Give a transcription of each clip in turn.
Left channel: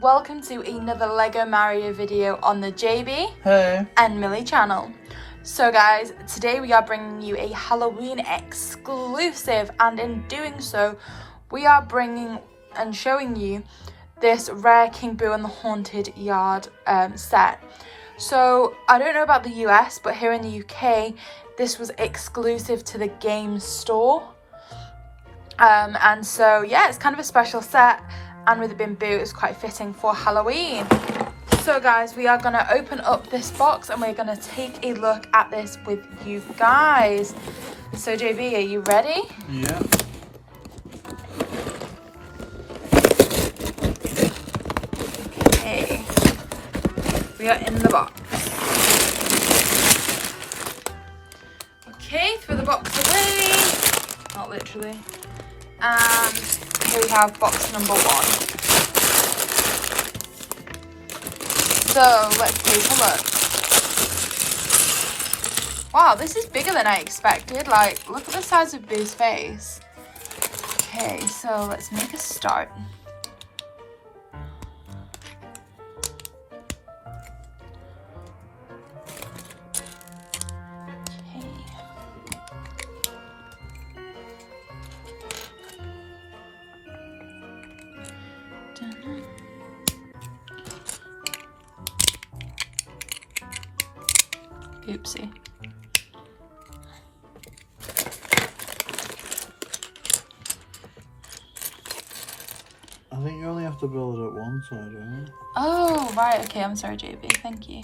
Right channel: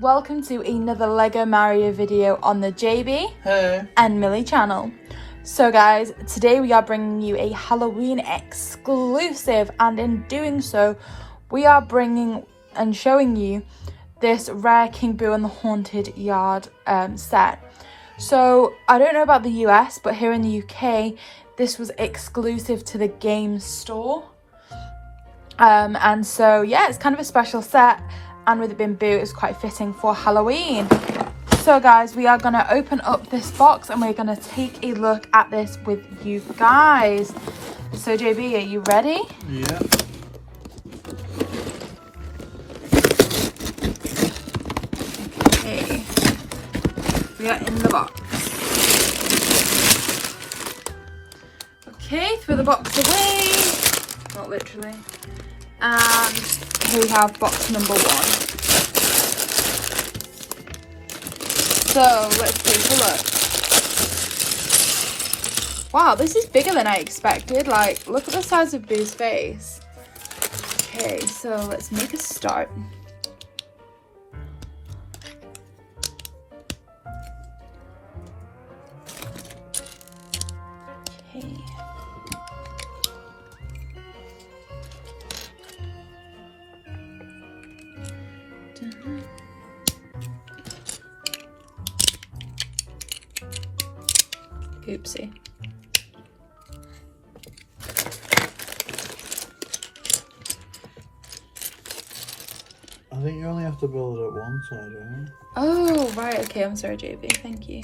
welcome to another Lego Mario video on the JB and Millie channel. So guys, today we are bringing you a Halloween exclusive, and in doing so, we are bringing and showing you this rare King Boo and the Haunted Yard set. So I don't know about the US, but here in the UK, this was exclusive to the game store. And so yeah, it's kind of a special set, and with it being Boo, it's quite fitting for Halloween. So guys, we are going to open up this box and we're going to take a look at this with you guys. So JB, are you ready? Yeah. Okay. We are in the box. Okay, throw the box away. Not literally. And here we have box number 1. So let's take a look. Wow, this is bigger than I expected. Like, look at the size of Boo's face. Okay, so let's make a start. Okay. Oopsie. I think you only have to build it at one side, right? Oh, right. Okay, I'm sorry, JB. Thank you.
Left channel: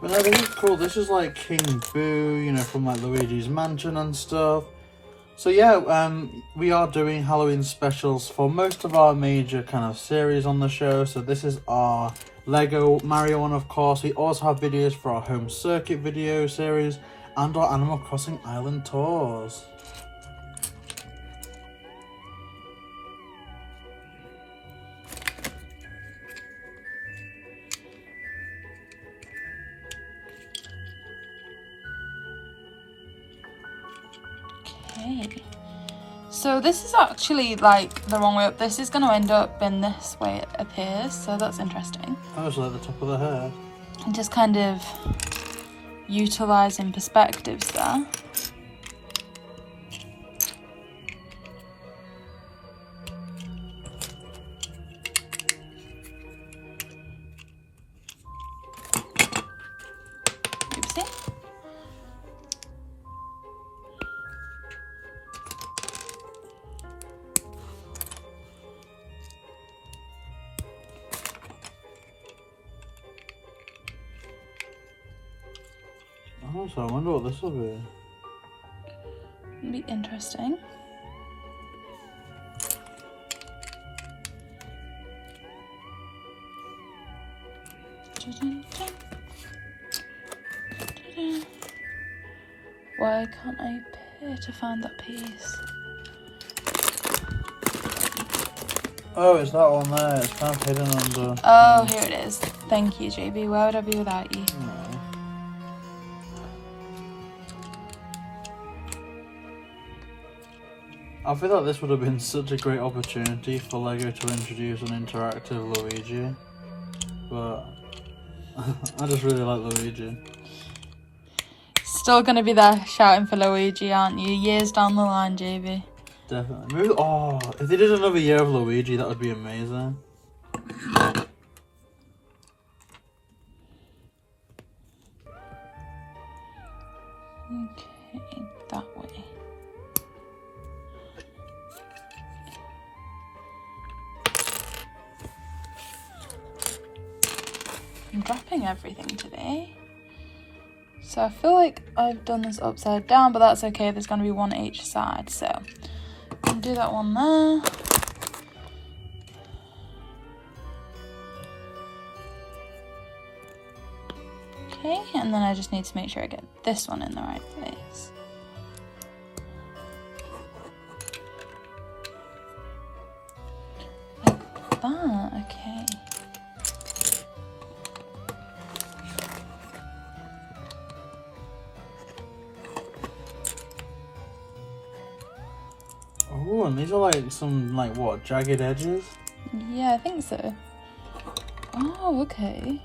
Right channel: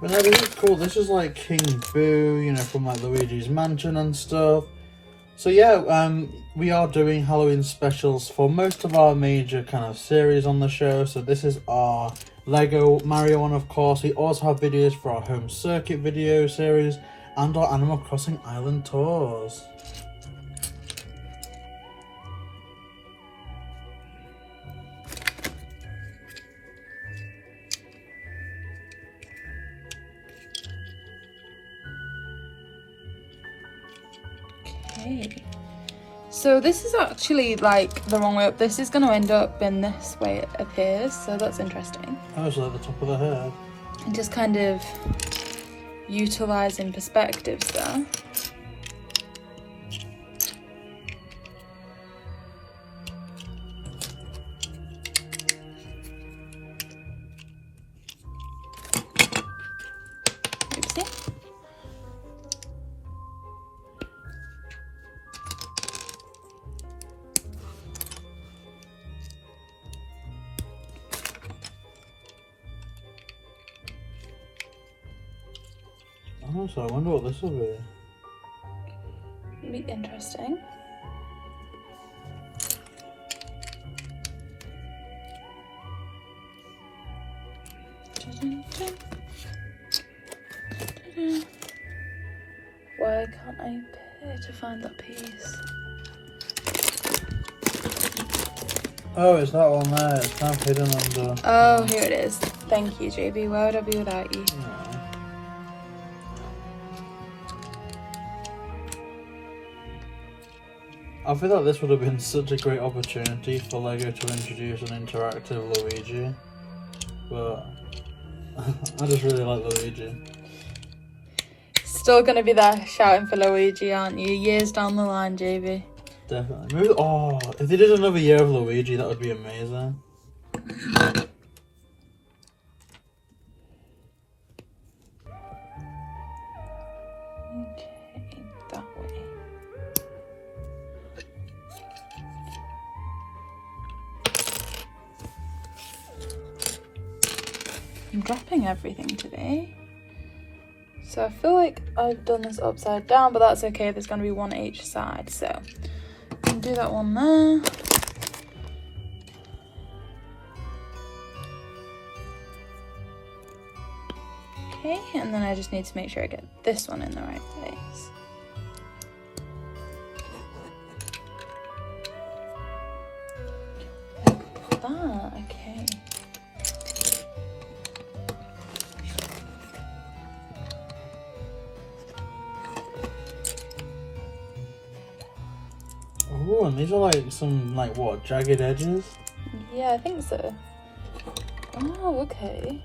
But no, this is cool. This is like King Boo, you know, from like Luigi's Mansion and stuff. So yeah, we are doing Halloween specials for most of our major kind of series on the show. So this is our Lego Mario one, of course. We also have videos for our home circuit video series and our Animal Crossing Island tours. Okay. So this is actually like the wrong way up. This is going to end up in this way, it appears. So that's interesting. That was at the top of the head. And just kind of utilising perspectives there. Oopsie. Oh, so I wonder what this will be. It'll be interesting. Why can't I appear to find that piece? Oh, it's that one there. It's kind of hidden under. Oh, here it is. Thank you, JB. Where would I be without you? I feel like this would have been such a great opportunity for Lego to introduce an interactive Luigi, but I just really like Luigi. Still gonna be there shouting for Luigi, aren't you? Years down the line, JB. Definitely. Maybe, oh, if they did another year of Luigi, that would be amazing. Okay, that way. I'm dropping everything today. So I feel like I've done this upside down, but that's okay. There's going to be one each side. So I can do that one there. Okay, and then I just need to make sure I get this one in the right place. Like that, okay. Oh, and these are like some, like, what, jagged edges? Yeah, I think so. Oh, okay.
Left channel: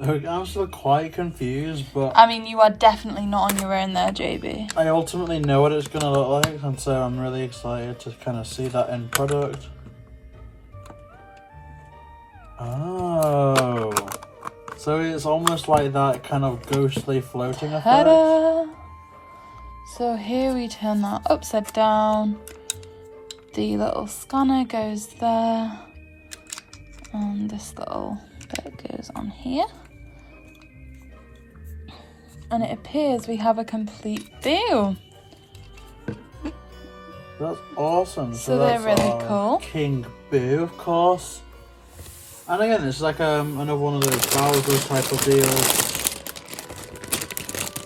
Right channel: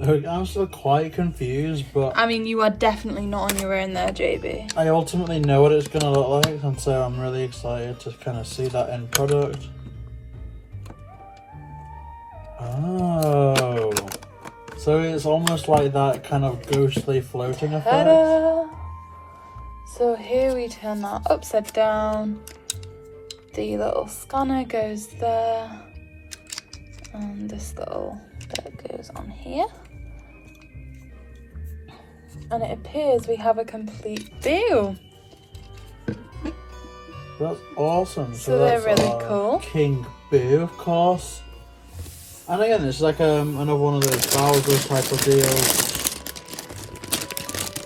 I'm still quite confused, but... I mean, you are definitely not on your own there, JB. I ultimately know what it's going to look like, and so I'm really excited to kind of see that end product. Oh. So it's almost like that kind of ghostly floating effect. Ta-da! So here we turn that upside down. The little scanner goes there. And this little bit goes on here. And it appears we have a complete boo. That's awesome. So they're that's really cool. King Boo, of course. And again, it's like another one of those Bowser type of deals.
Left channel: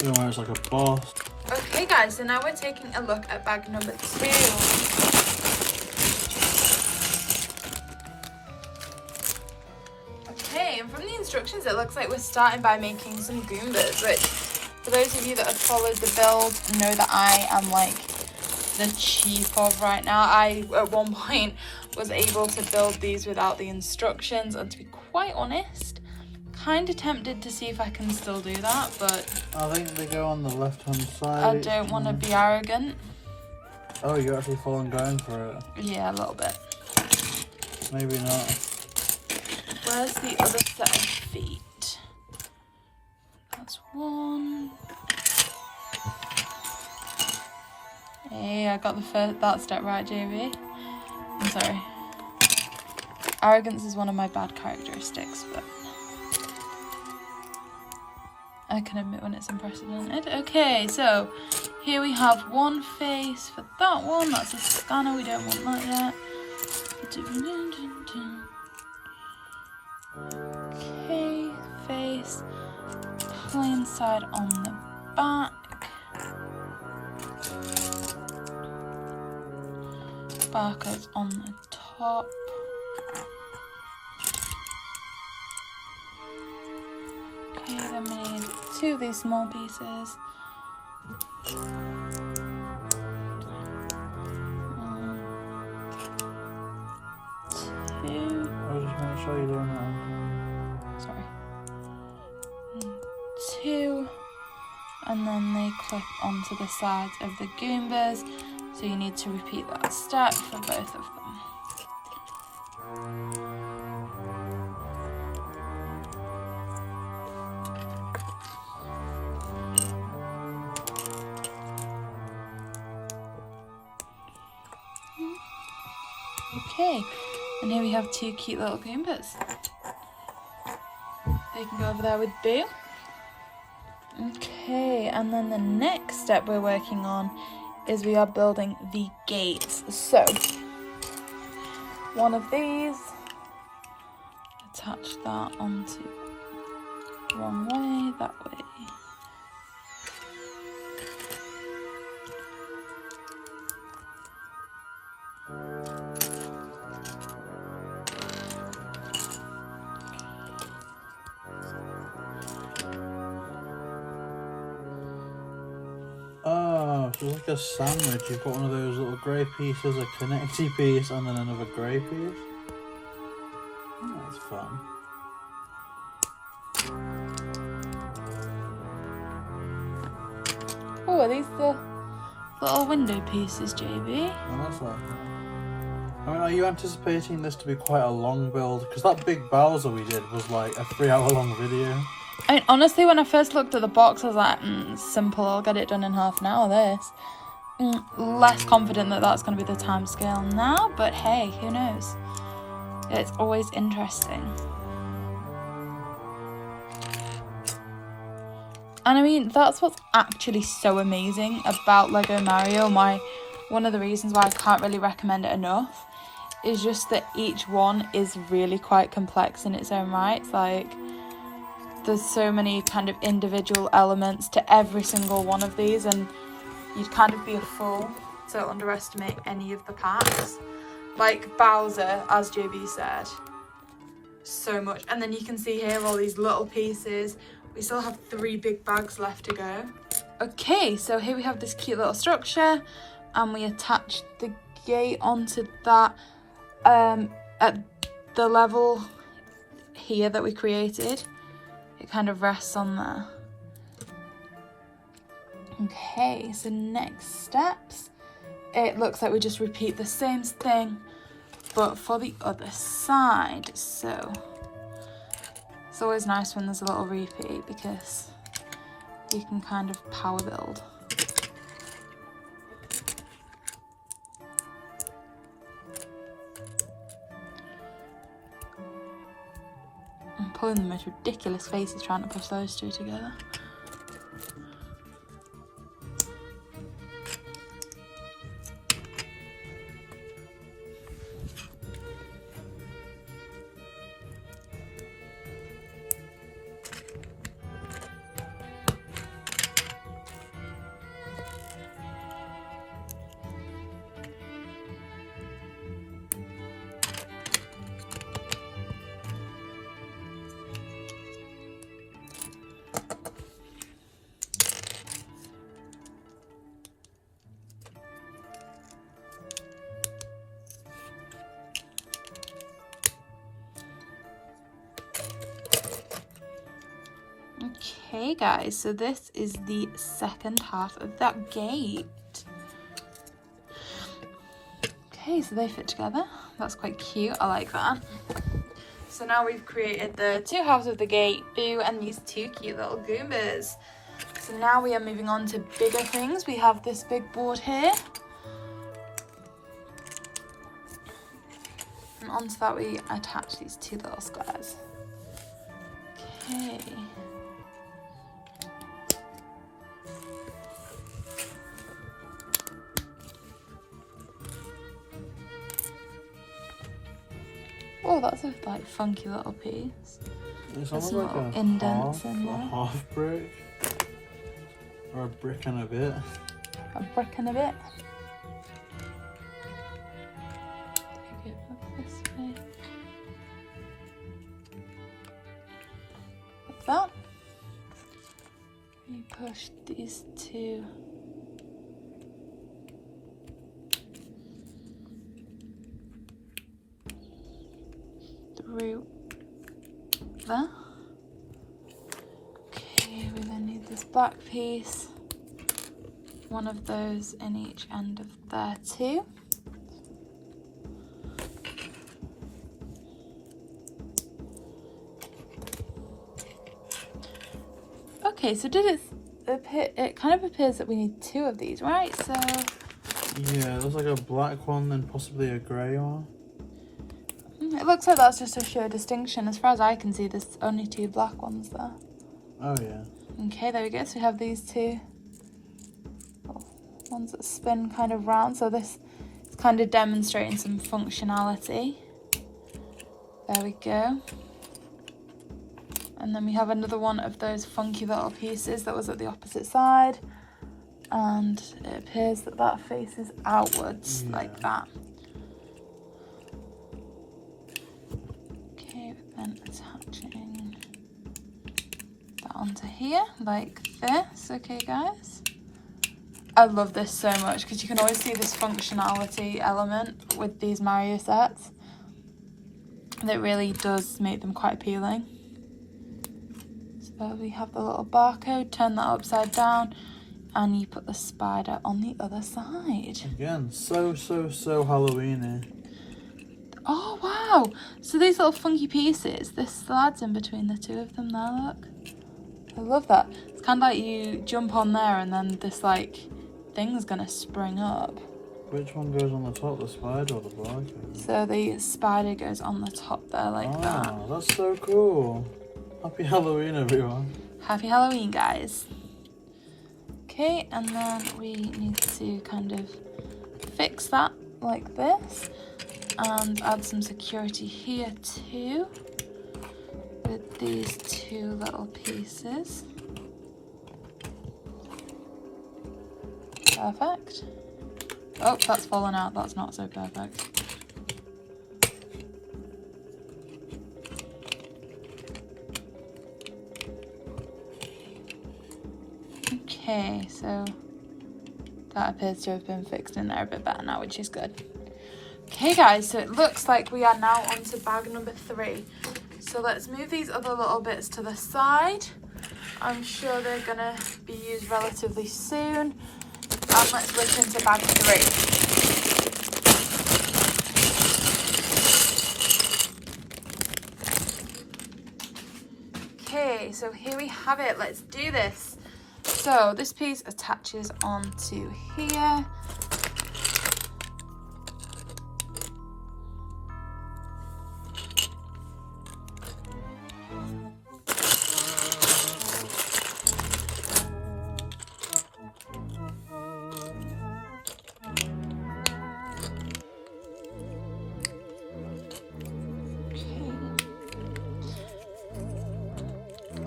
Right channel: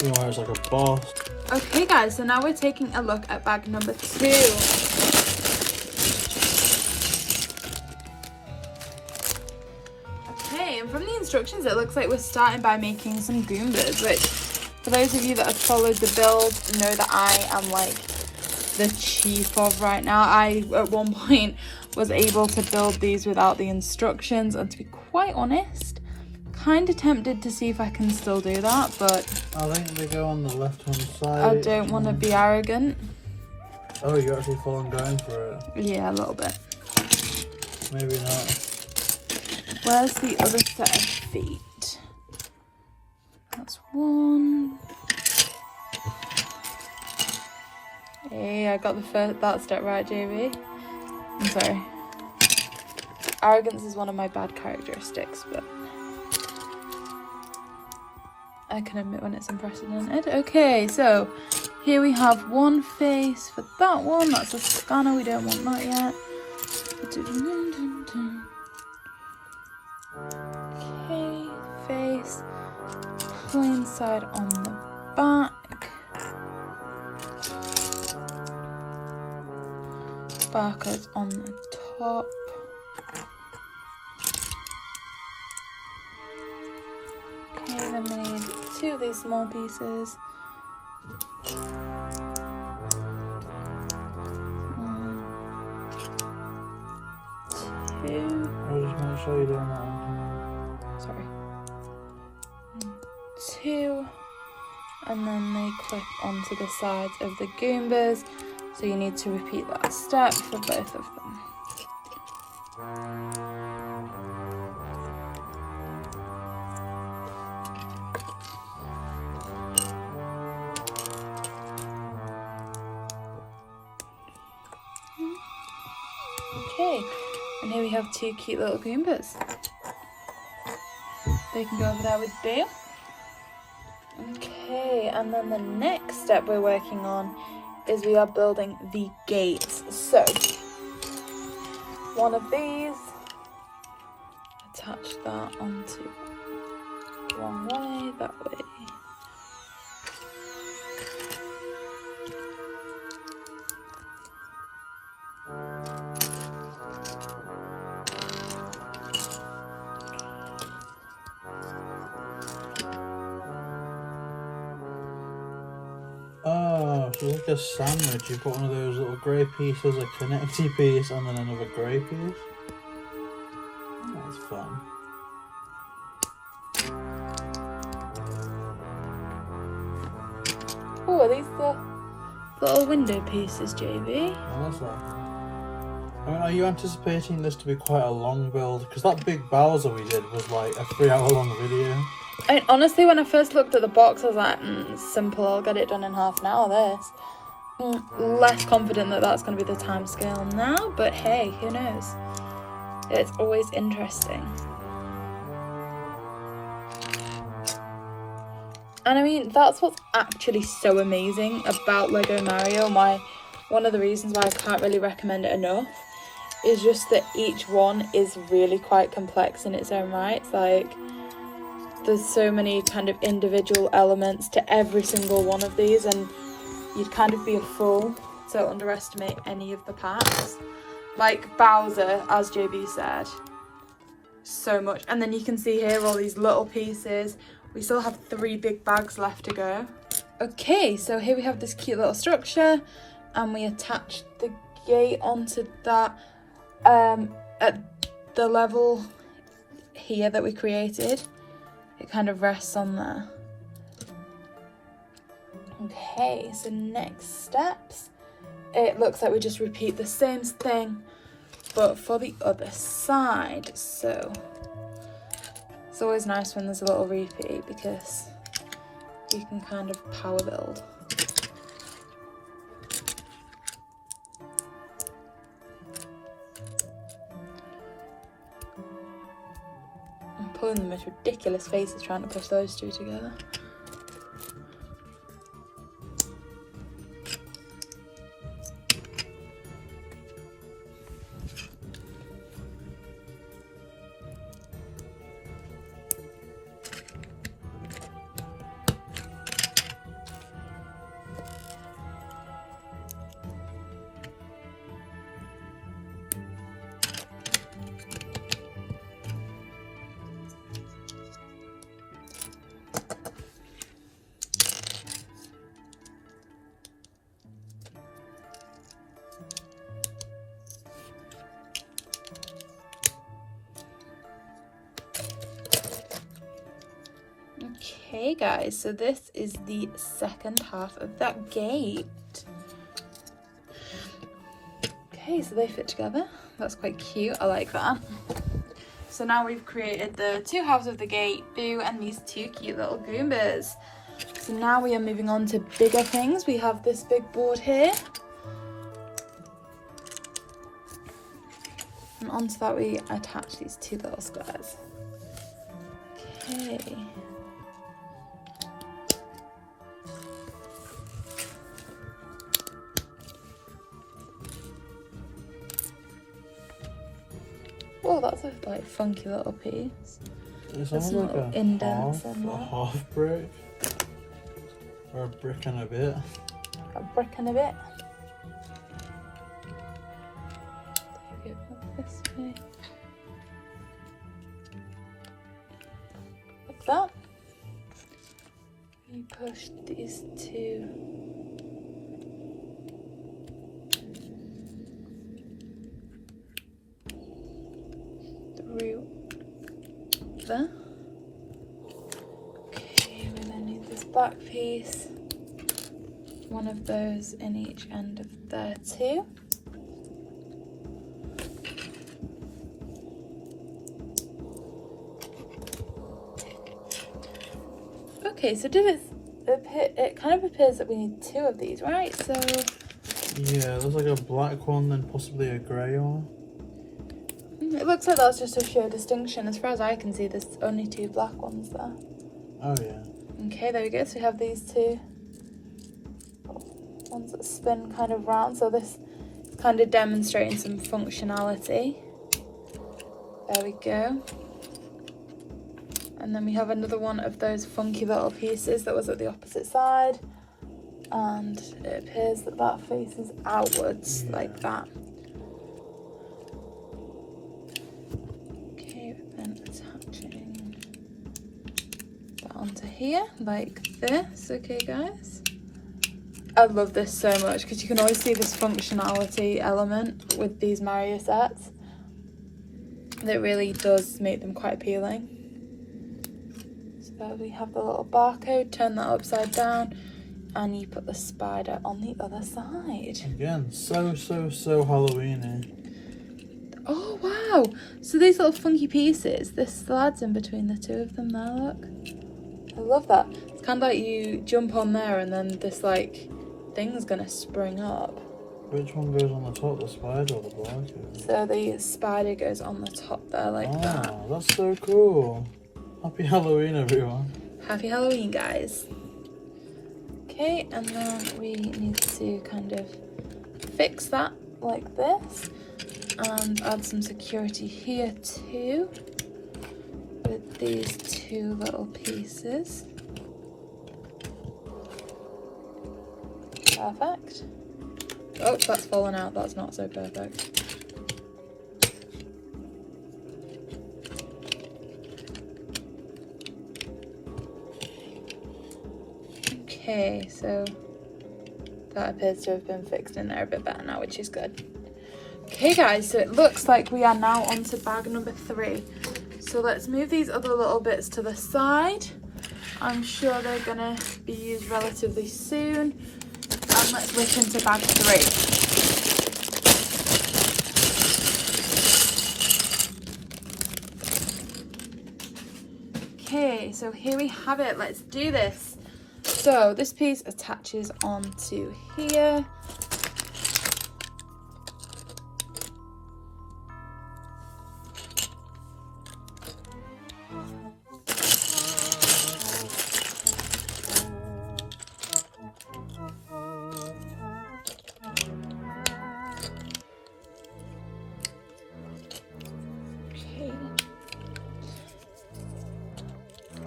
You know, it's like a boss. Okay guys, so now we're taking a look at bag number 2. Okay, and from the instructions it looks like we're starting by making some Goombas, which for those of you that have followed the build know that I am like the chief of right now. I at one point was able to build these without the instructions, and to be quite honest, kind of tempted to see if I can still do that, but I think they go on the left hand side. I don't want to be arrogant. Oh, you're actually falling down for it? Yeah, a little bit. Maybe not. Where's the other set of feet? That's one. Hey, I got that step right, JB. I'm sorry. Arrogance is one of my bad characteristics, but I can admit when it's unprecedented. Okay, so here we have one face for that one. That's a scanner. We don't want that yet. Okay, face. Plain side on the back. Barcodes on the top. Okay, then we need 2 of these small pieces. 1, 2. I'm just going to show you them. Sorry. 2. And then they clip onto the sides of the Goombas. So you need to repeat that step for both of them. Okay, and here we have 2 cute little Goombas. They can go over there with Boo. Okay, and then the next step we're working on is we are building the gates. So, one of these, attach that onto one way, that way. Oh, it's like a sandwich. You've got one of those little grey pieces, a connecty piece, and then another grey piece. Oh, that's fun. Oh, are these the little window pieces, JB? I love that. I mean, are you anticipating this to be quite a long build? Because that big Bowser we did was like a 3-hour-long video. I mean, honestly, when I first looked at the box, I was like, simple, I'll get it done in half an hour, this. Less confident that that's going to be the time scale now, but hey, who knows? It's always interesting. And I mean, that's what's actually so amazing about Lego Mario. One of the reasons why I can't really recommend it enough is just that each one is really quite complex in its own right. It's like, there's so many kind of individual elements to every single one of these, and you'd kind of be a fool to underestimate any of the parts. Like Bowser, as JB said, so much. And then you can see here all these little pieces. We still have 3 big bags left to go. Okay, so here we have this cute little structure, and we attach the gate onto that. the level here that we created, it kind of rests on there. Okay, so next steps, it looks like we just repeat the same thing but for the other side. So it's always nice when there's a little repeat because you can kind of power build. I'm pulling the most ridiculous faces trying to push those two together. Okay guys, so this is the second half of that gate. Okay, so they fit together. That's quite cute, I like that. So now we've created the two halves of the gate, Boo and these two cute little Goombas. So now we are moving on to bigger things. We have this big board here. And onto that we attach these two little squares. Okay. Oh, that's a like funky little piece. There's some like little indents in there. A half brick. Or a brick and a bit. A brick and a bit. Take it up this way. Like that. You push these two through there. Okay, we then need this black piece. One of those in each end of there too. Okay, so did it kind of appears that we need two of these, right? So yeah, it looks like a black one and possibly a grey one. It looks like that's just to show distinction. As far as I can see, there's only two black ones there. Oh yeah. Okay, there we go. So we have these two ones that spin kind of round. So this is kind of demonstrating some functionality. There we go. And then we have another one of those funky little pieces that was at the opposite side. And it appears that that faces outwards like that. And attaching that onto here like this. Okay guys, I love this so much because you can always see this functionality element with these Mario sets that really does make them quite appealing. So we have the little barcode, turn that upside down and you put the spider on the other side. Again, so Halloween-y. Oh wow, so these little funky pieces, this slides in between the two of them there, look. I love that. It's kind of like you jump on there and then this like thing's gonna spring up. Which one goes on the top, the spider or the barcode? So the spider goes on the top there like that. That's so cool. Happy Halloween everyone. Happy Halloween guys. Okay, and then we need to kind of fix that like this. And add some security here too with these two little pieces. Perfect. Oh, that's fallen out. That's not so perfect. Okay, so that appears to have been fixed in there a bit better now, which is good. Okay guys, so it looks like we are now on to bag number 3. So let's move these other little bits to the side. I'm sure they're gonna be used relatively soon. And let's look into bag 3. Okay, so here we have it. Let's do this. So this piece attaches onto here.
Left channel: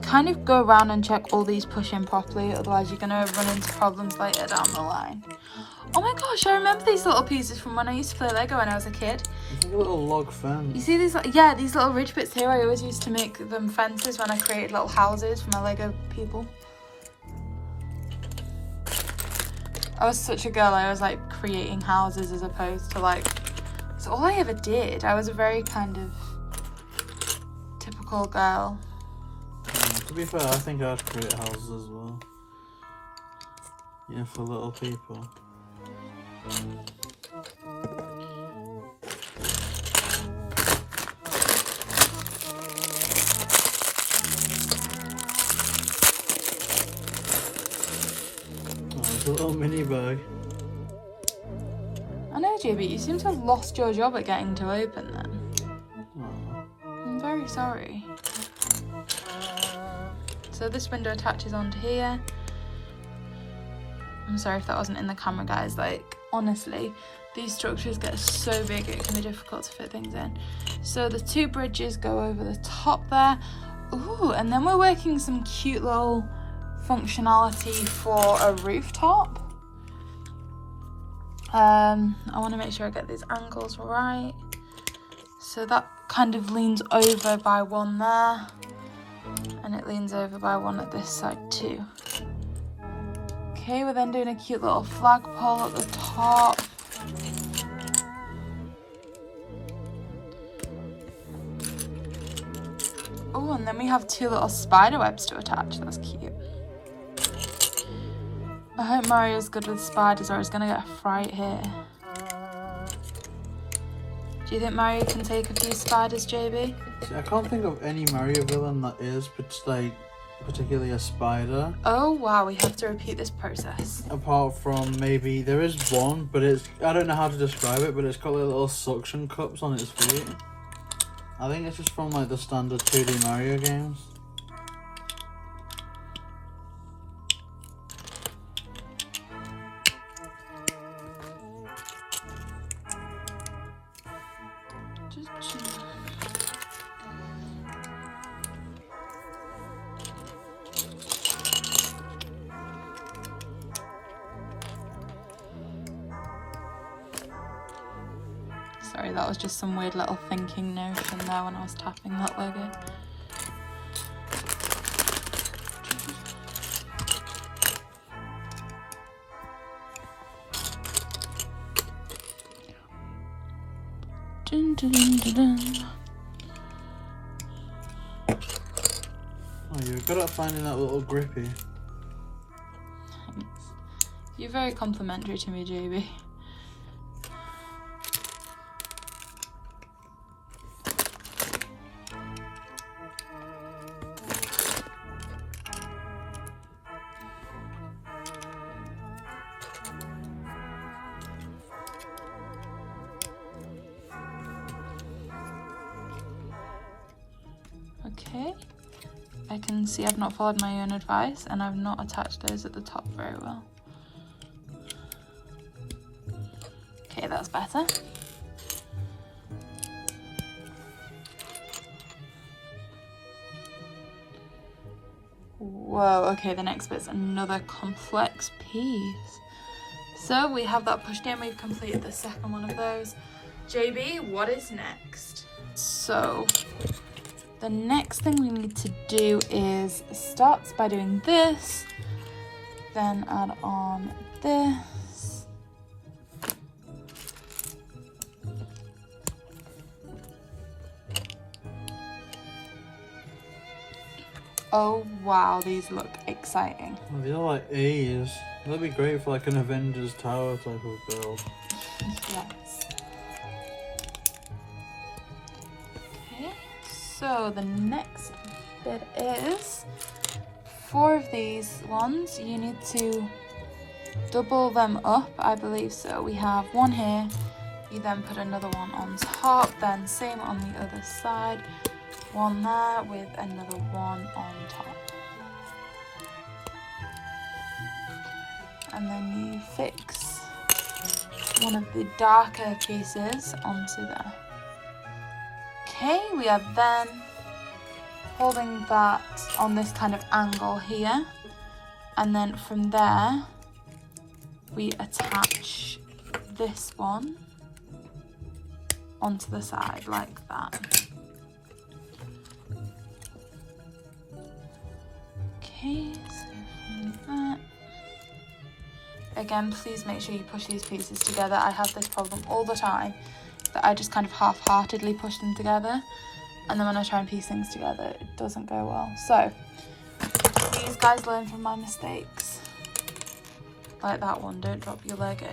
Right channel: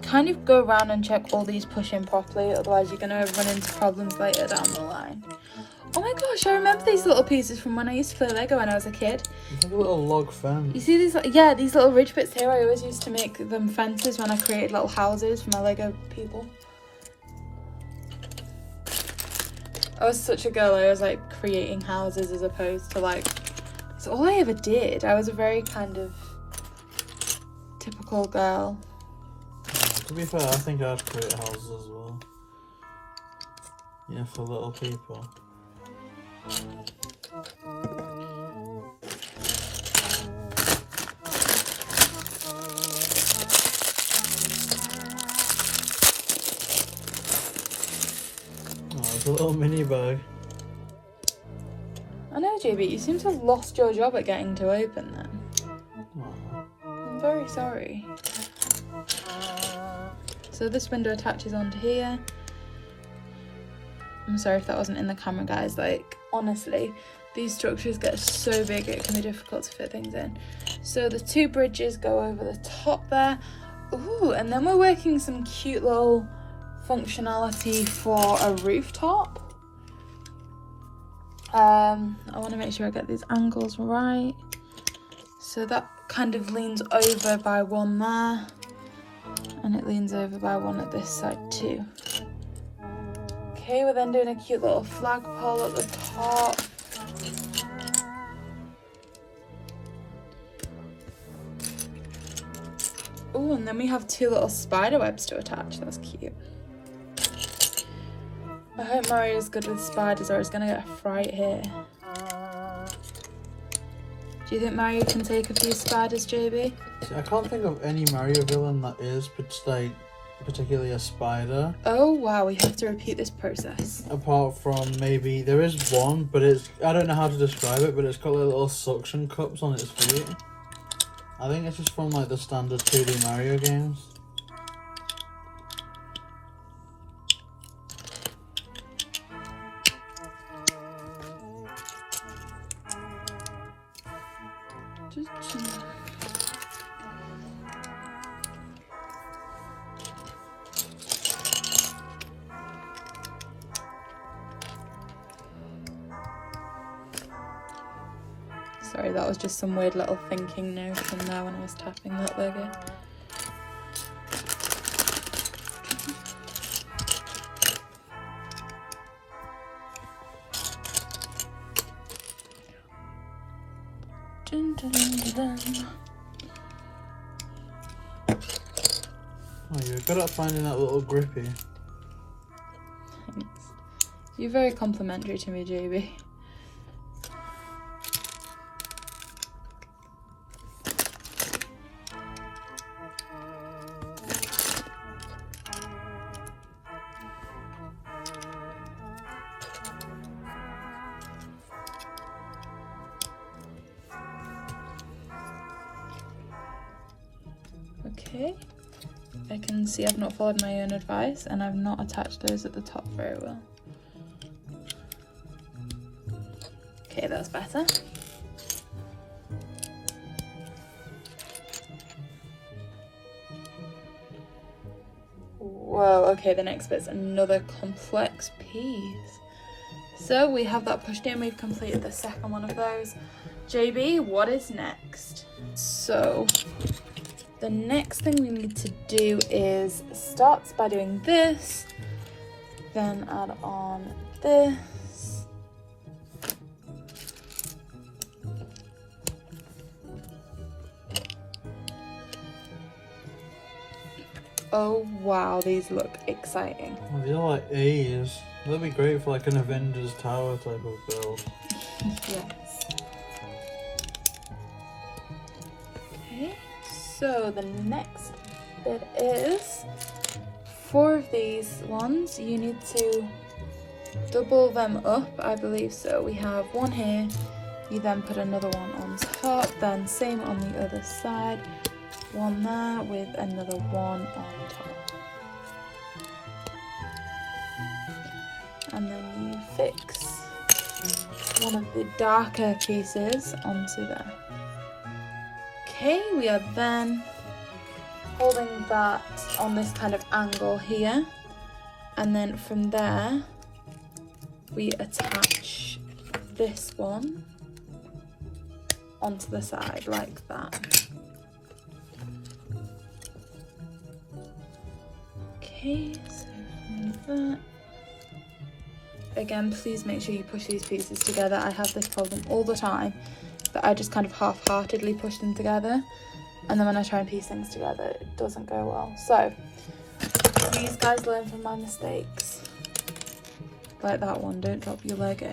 Kind of go around and check all these push in properly, otherwise you're gonna run into problems later down the line. Oh my gosh, I remember these little pieces from when I used to play Lego when I was a kid. It's like a little log fence. You see these, yeah, these little ridge bits here. I always used to make them fences when I created little houses for my Lego people. I was such a girl. I was like creating houses as opposed to like, it's all I ever did. I was a very kind of typical girl. To be fair, I think I'd create houses as well. Yeah, for little people. Oh, it's a little mini bag. I know, JB, you seem to have lost your job at getting to open them. I'm very sorry. So this window attaches onto here. I'm sorry if that wasn't in the camera, guys. Like, honestly, these structures get so big it can be difficult to fit things in. So the 2 bridges go over the top there. Ooh, and then we're working some cute little functionality for a rooftop. I want to make sure I get these angles right. So that kind of leans over by one there. And it leans over by one at this side too. Okay, we're then doing a cute little flagpole at the top. Oh, and then we have 2 little spider webs to attach. That's cute. I hope Mario's good with spiders or he's gonna get a fright here. Do you think Mario can take a few spiders, JB? See, I can't think of any Mario villain that is like particularly a spider. Oh wow, we have to repeat this process. Apart from maybe there is one, but it's, I don't know how to describe it, but it's got like little suction cups on its feet. I think it's just from like the standard 2D Mario games. Sorry, that was just some weird little thinking notion there when I was tapping that Lego. Dun, dun, dun, dun. Oh, you're good at finding that little grippy. Thanks. You're very complimentary to me, JB. Okay, I can see I've not followed my own advice and I've not attached those at the top very well. Okay, that's better. Whoa, okay, the next bit's another complex piece. So we have that pushed in, we've completed the second one of those. JB, what is next? So the next thing we need to do is start by doing this, then add on this, Oh wow, these look exciting. Oh, these are like A's. That'd be great for like an Avengers Tower type of build. Yes. Okay, so the next bit is 4 of these ones. You need to double them up, I believe so. We have 1 here. You then put another one on top, then same on the other side. 1 there with another 1 on top. And then you fix one of the darker pieces onto there. Okay, we are then holding that on this kind of angle here. And then from there, we attach this one onto the side like that. Okay, so from that. Again, please make sure you push these pieces together. I have this problem all the time, that I just kind of half-heartedly push them together, and then when I try and piece things together, it doesn't go well. So, please guys, learn from my mistakes. Like that one, don't drop your Lego.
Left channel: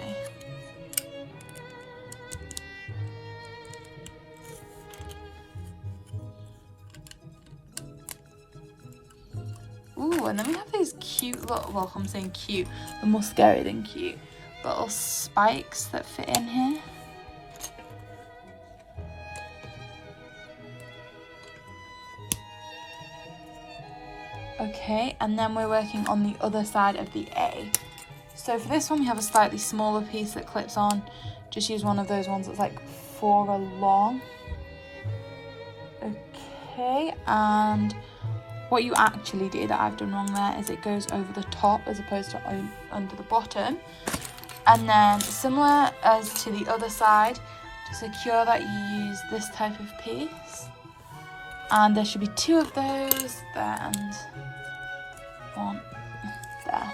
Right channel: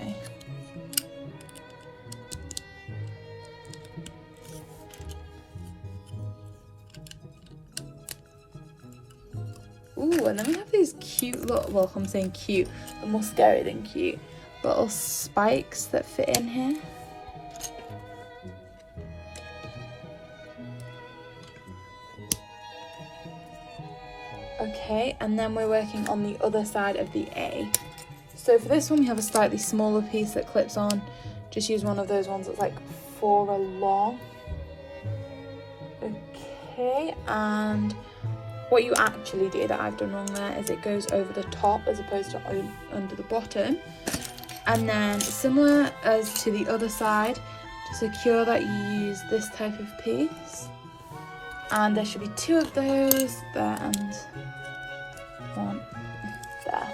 Ooh, and then we have these cute little, well, I'm saying cute, they're more scary than cute, little spikes that fit in here. Okay, and then we're working on the other side of the A. So for this one, we have a slightly smaller piece that clips on. Just use one of those ones that's like 4 along. Okay, and what you actually do that I've done wrong there is it goes over the top as opposed to under the bottom. And then similar as to the other side, to secure that you use this type of piece. And there should be 2 of those there and 1 there.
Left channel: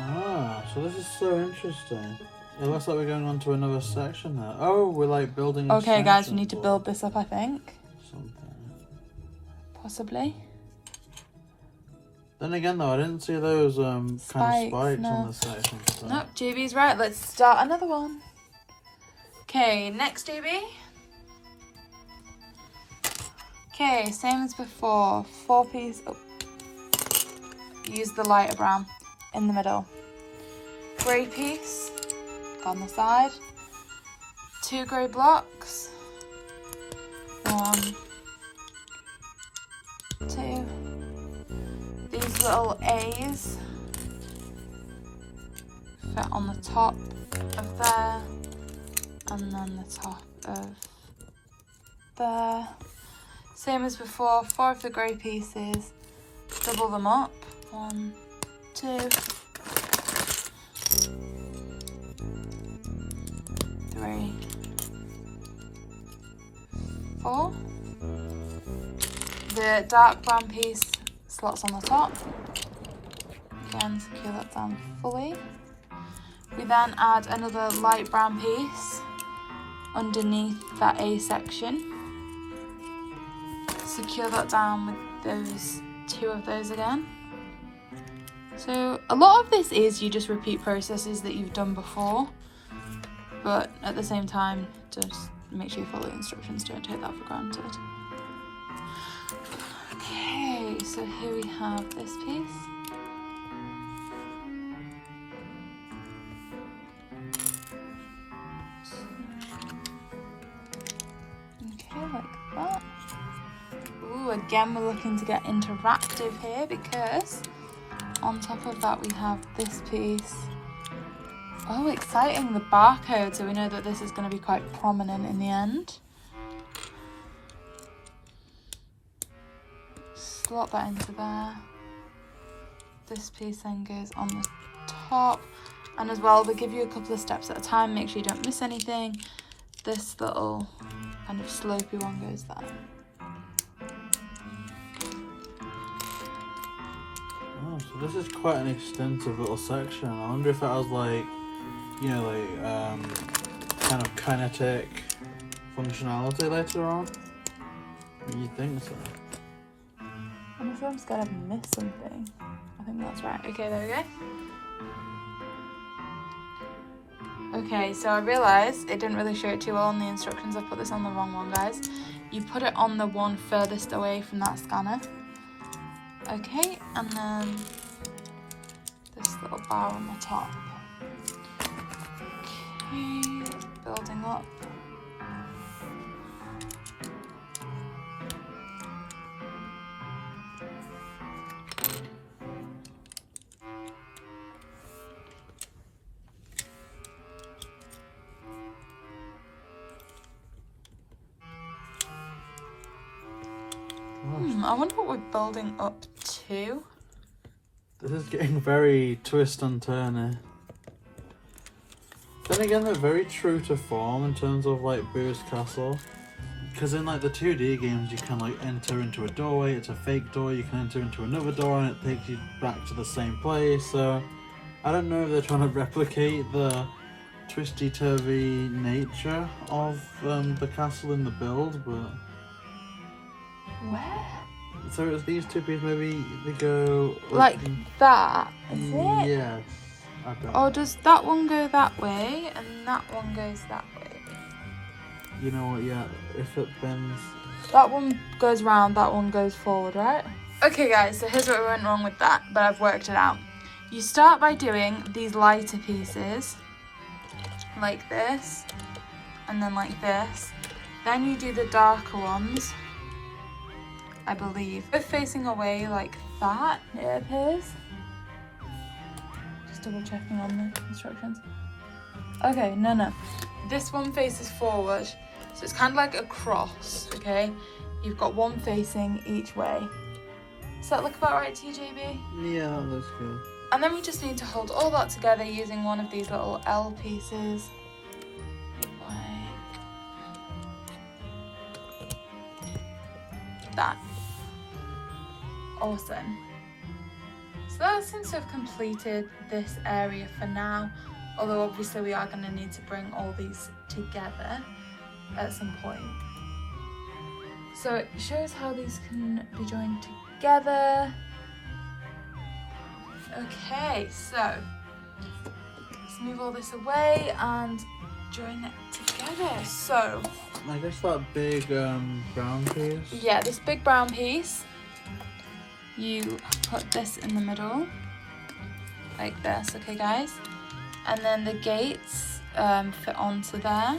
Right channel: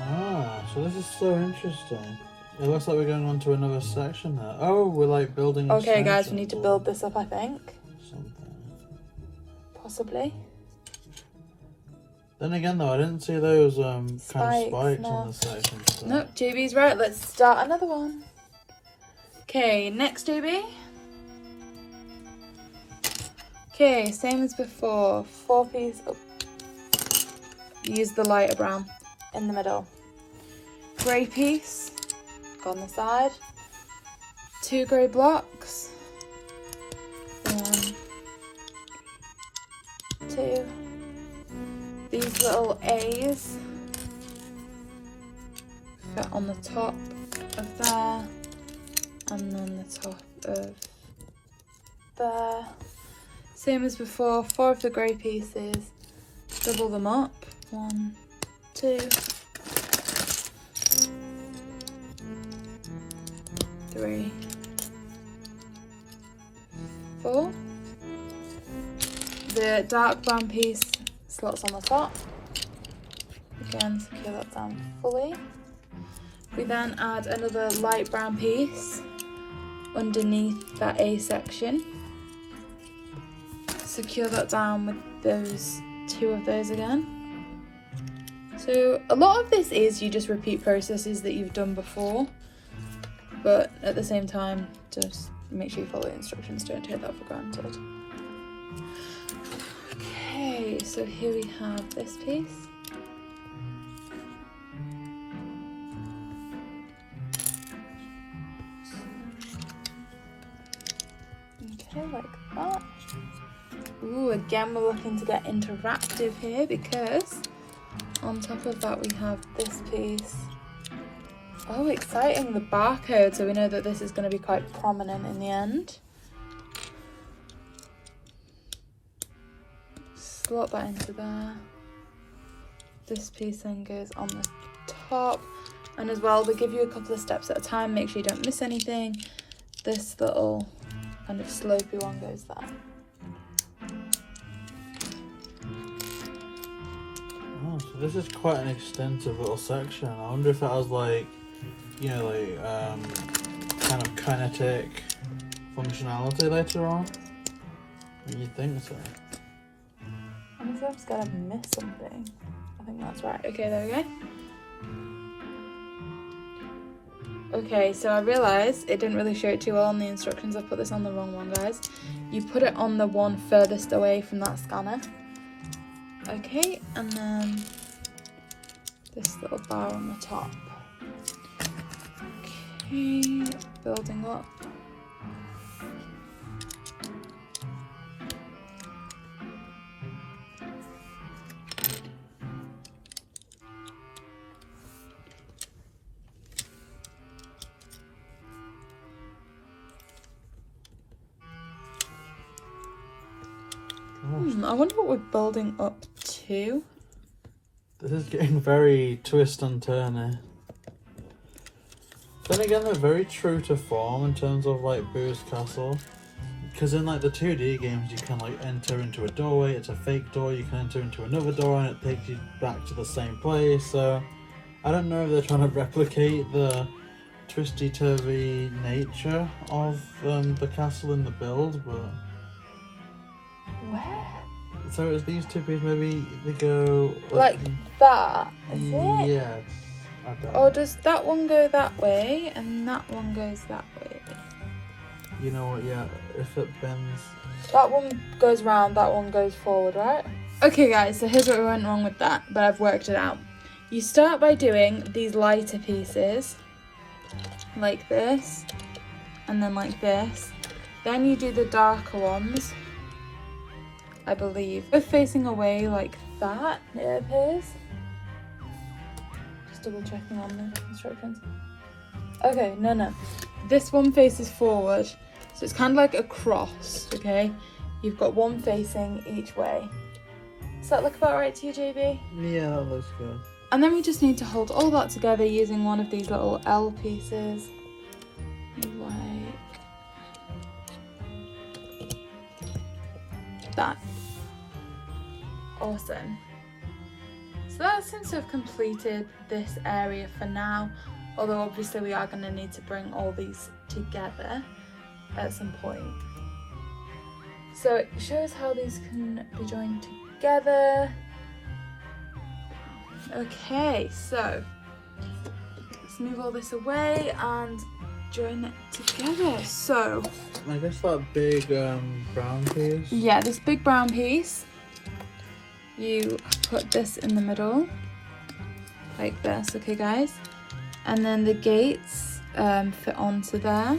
Ah, so this is so interesting. It looks like we're going on to another section now. Oh, we're like building. Okay guys, we need to build this up, I think. Something. Possibly. Then again though, I didn't see those kind of spikes no. on the section. So. Nope, JB's right. Let's start another one. Okay, next JB. Okay, same as before. 4 piece. Oh. Use the lighter brown in the middle. Grey piece on the side. 2 grey blocks. 1, 2. These little A's fit on the top of there, and then the top of there. Same as before, 4 of the grey pieces, double them up. 1, 2, 3, 4. The dark brown piece slots on the top. Again, secure that down fully. We then add another light brown piece underneath that A section. Secure that down with those 2 of those again. So a lot of this is you just repeat processes that you've done before, but at the same time, just make sure you follow the instructions, don't take that for granted. Okay, so here we have this piece. Okay, like that. Ooh, again, we're looking to get interactive here because on top of that we have this piece. Oh, exciting, the barcode, so we know that this is going to be quite prominent in the end. Slot that into there. This piece then goes on the top, and as well they give you a couple of steps at a time, make sure you don't miss anything. This little kind of slopey one goes there. Oh, so this is quite an extensive little section. I wonder if that was like, you know, like kind of kinetic functionality later on. You think so? I'm just gonna miss something. I think that's right. Okay, there we go. Okay, so I realised it didn't really show it too well on the instructions. I put this on the wrong one, guys. You put it on the one furthest away from that scanner. Okay, and then this little bar on the top. Okay, building up. I wonder what we're building up to. This is getting very twist and turny. Then again, they're very true to form in terms of like Boo's Castle. Because in like the 2D games, you can like enter into a doorway, it's a fake door, you can enter into another door and it takes you back to the same place. So I don't know if they're trying to replicate the twisty-turvy nature of the castle in the build, but... Where? So it's these two pieces, maybe they go... Like that, is it? Yes. Or does that one go that way and that one goes that way? You know what, yeah, if it bends... That one goes round, that one goes forward, right? Okay guys, so here's what went wrong with that, but I've worked it out. You start by doing these lighter pieces, like this, and then like this. Then you do the darker ones, I believe. Both facing away like that, it appears. Just double checking on the instructions. Okay, no. This one faces forward, so it's kind of like a cross, okay? You've got one facing each way. Does that look about right to you, JB? Yeah, that looks good. And then we just need to hold all that together using one of these little L pieces. Like that. Awesome. So that seems to have completed this area for now. Although obviously we are going to need to bring all these together at some point. So it shows how these can be joined together. Okay, so let's move all this away and join it together. So I guess that big brown piece. Yeah, this big brown piece, you put this in the middle like this, okay guys? And then the gates fit onto there,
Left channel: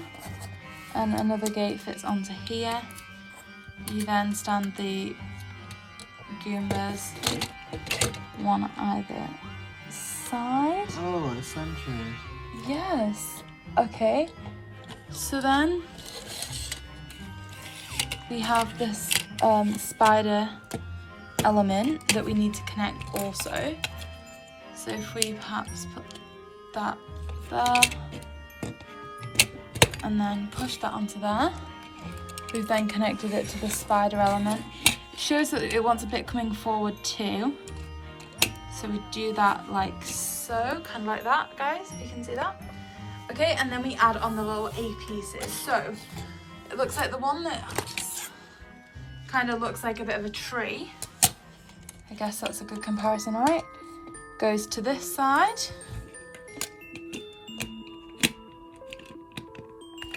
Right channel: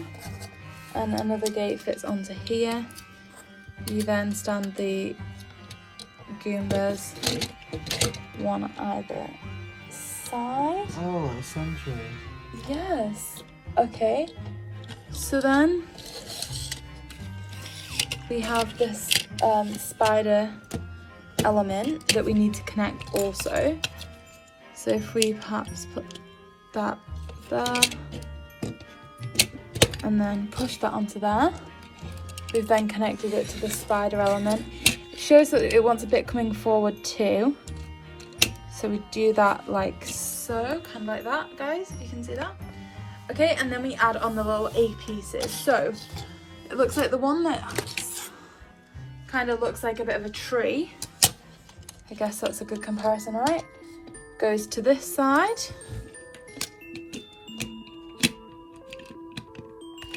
and another gate fits onto here. You then stand the Goombas one either side. Oh, essentially. Yes. Okay. So then we have this spider element that we need to connect also. So if we perhaps put that there and then push that onto there, we've then connected it to the spider element. It shows that it wants a bit coming forward too, so we do that like so, kind of like that, guys, if you can see that. Okay, and then we add on the little A pieces. So it looks like the one that kind of looks like a bit of a tree, I guess that's a good comparison, right? Goes to this side.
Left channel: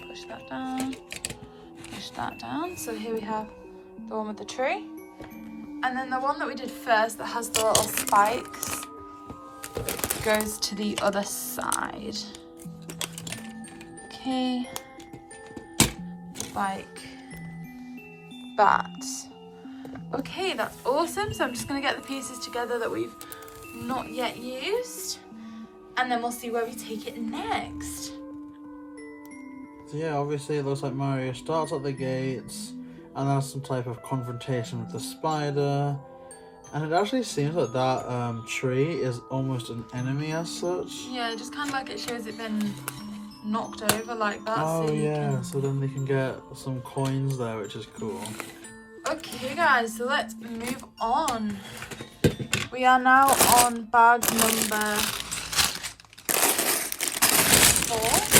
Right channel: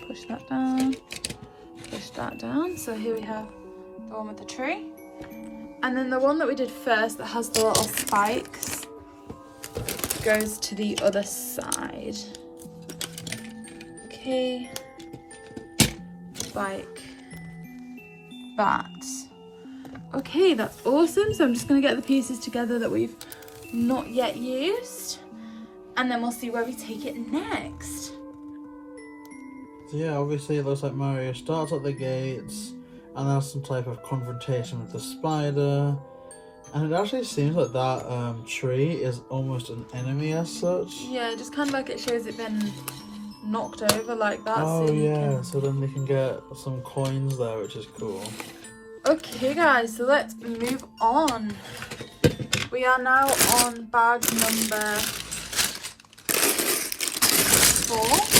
Push that down, push that down. So here we have the one with the tree. And then the one that we did first that has the little spikes goes to the other side. Okay, like that. Okay, that's awesome. So I'm just gonna get the pieces together that we've not yet used, and then we'll see where we take it next. So yeah, obviously it looks like Mario starts at the gates and has some type of confrontation with the spider, and it actually seems like that tree is almost an enemy as such. Yeah, just kind of like it shows it been knocked over like that. Oh so yeah, so then they can get some coins there, which is cool. Okay guys, so let's move on. We are now on bag number 4.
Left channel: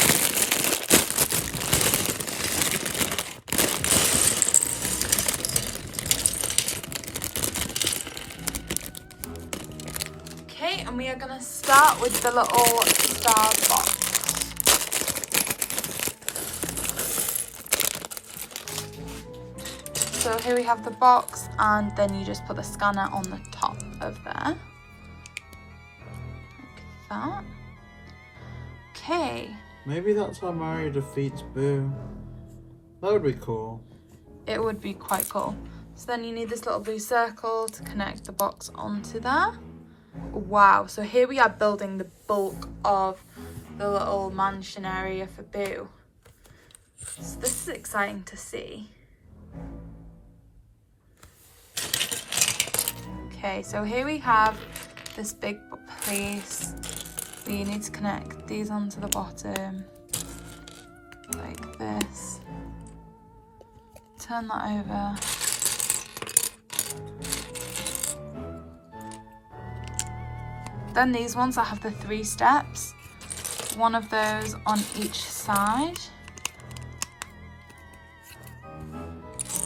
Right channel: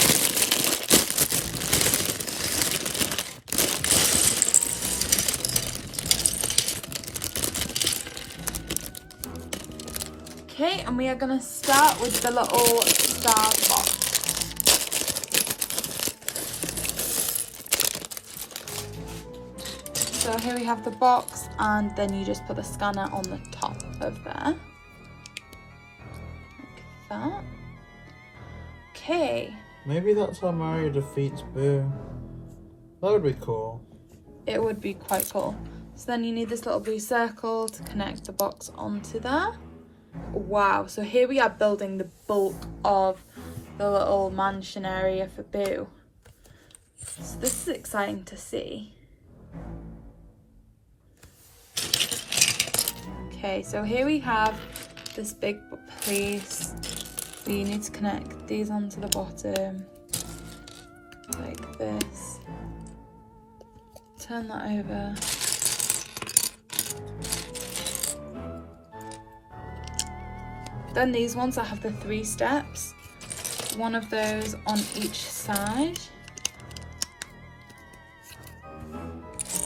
Okay, and we are going to start with the little stars box. So here we have the box, and then you just put the scanner on the top of there. Like that. Okay. Maybe that's how Mario defeats Boo. That would be cool. It would be quite cool. So then you need this little blue circle to connect the box onto there. Wow, so here we are building the bulk of the little mansion area for Boo. So this is exciting to see. Okay, so here we have this big place. We need to connect these onto the bottom, like this. Turn that over. Then these ones that have the 3 steps, one of those on each side.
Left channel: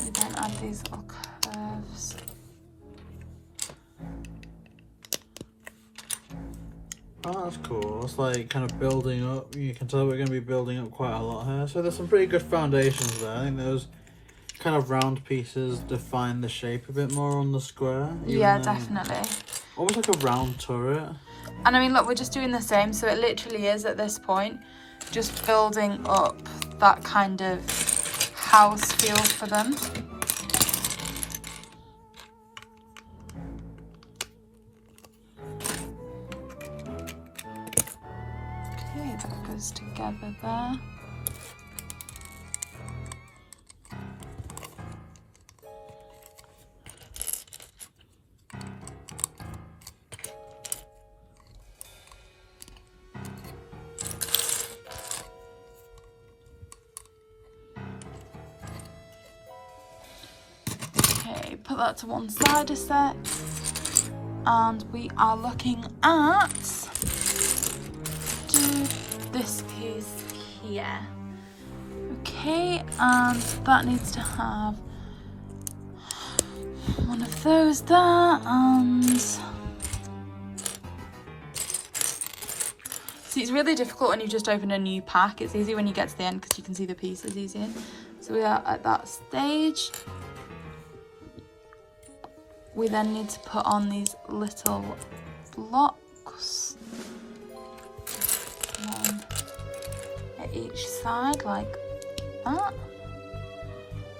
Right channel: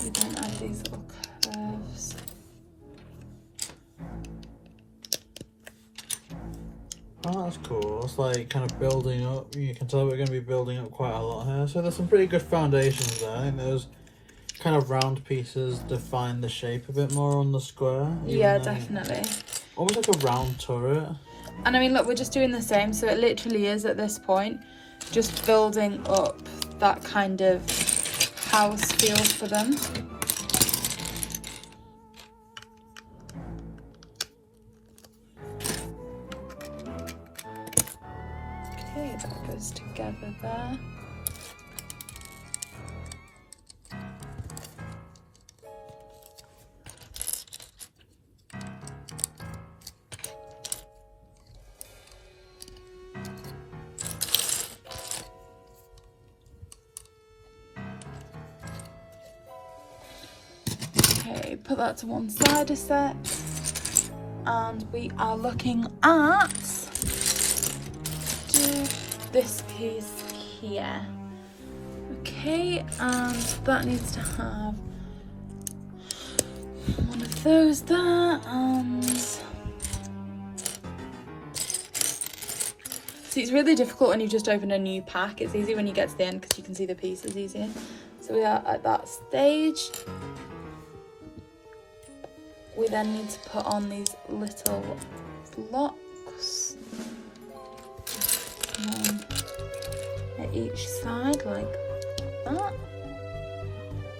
We then add these little curves. Oh, that's cool. It's like kind of building up. You can tell we're going to be building up quite a lot here. So there's some pretty good foundations there. I think those kind of round pieces define the shape a bit more on the square. Yeah, definitely. Almost like a round turret. And I mean, look, we're just doing the same. So it literally is at this point just building up that kind of house feel for them. Okay, that goes together there. Okay, put that to one side a sec. And we are looking at this piece here. Okay, and that needs to have one of those there, and see, it's really difficult when you just open a new pack. It's easy when you get to the end because you can see the pieces easier. So we are at that stage. We then need to put on these little blocks. One at each side, like that.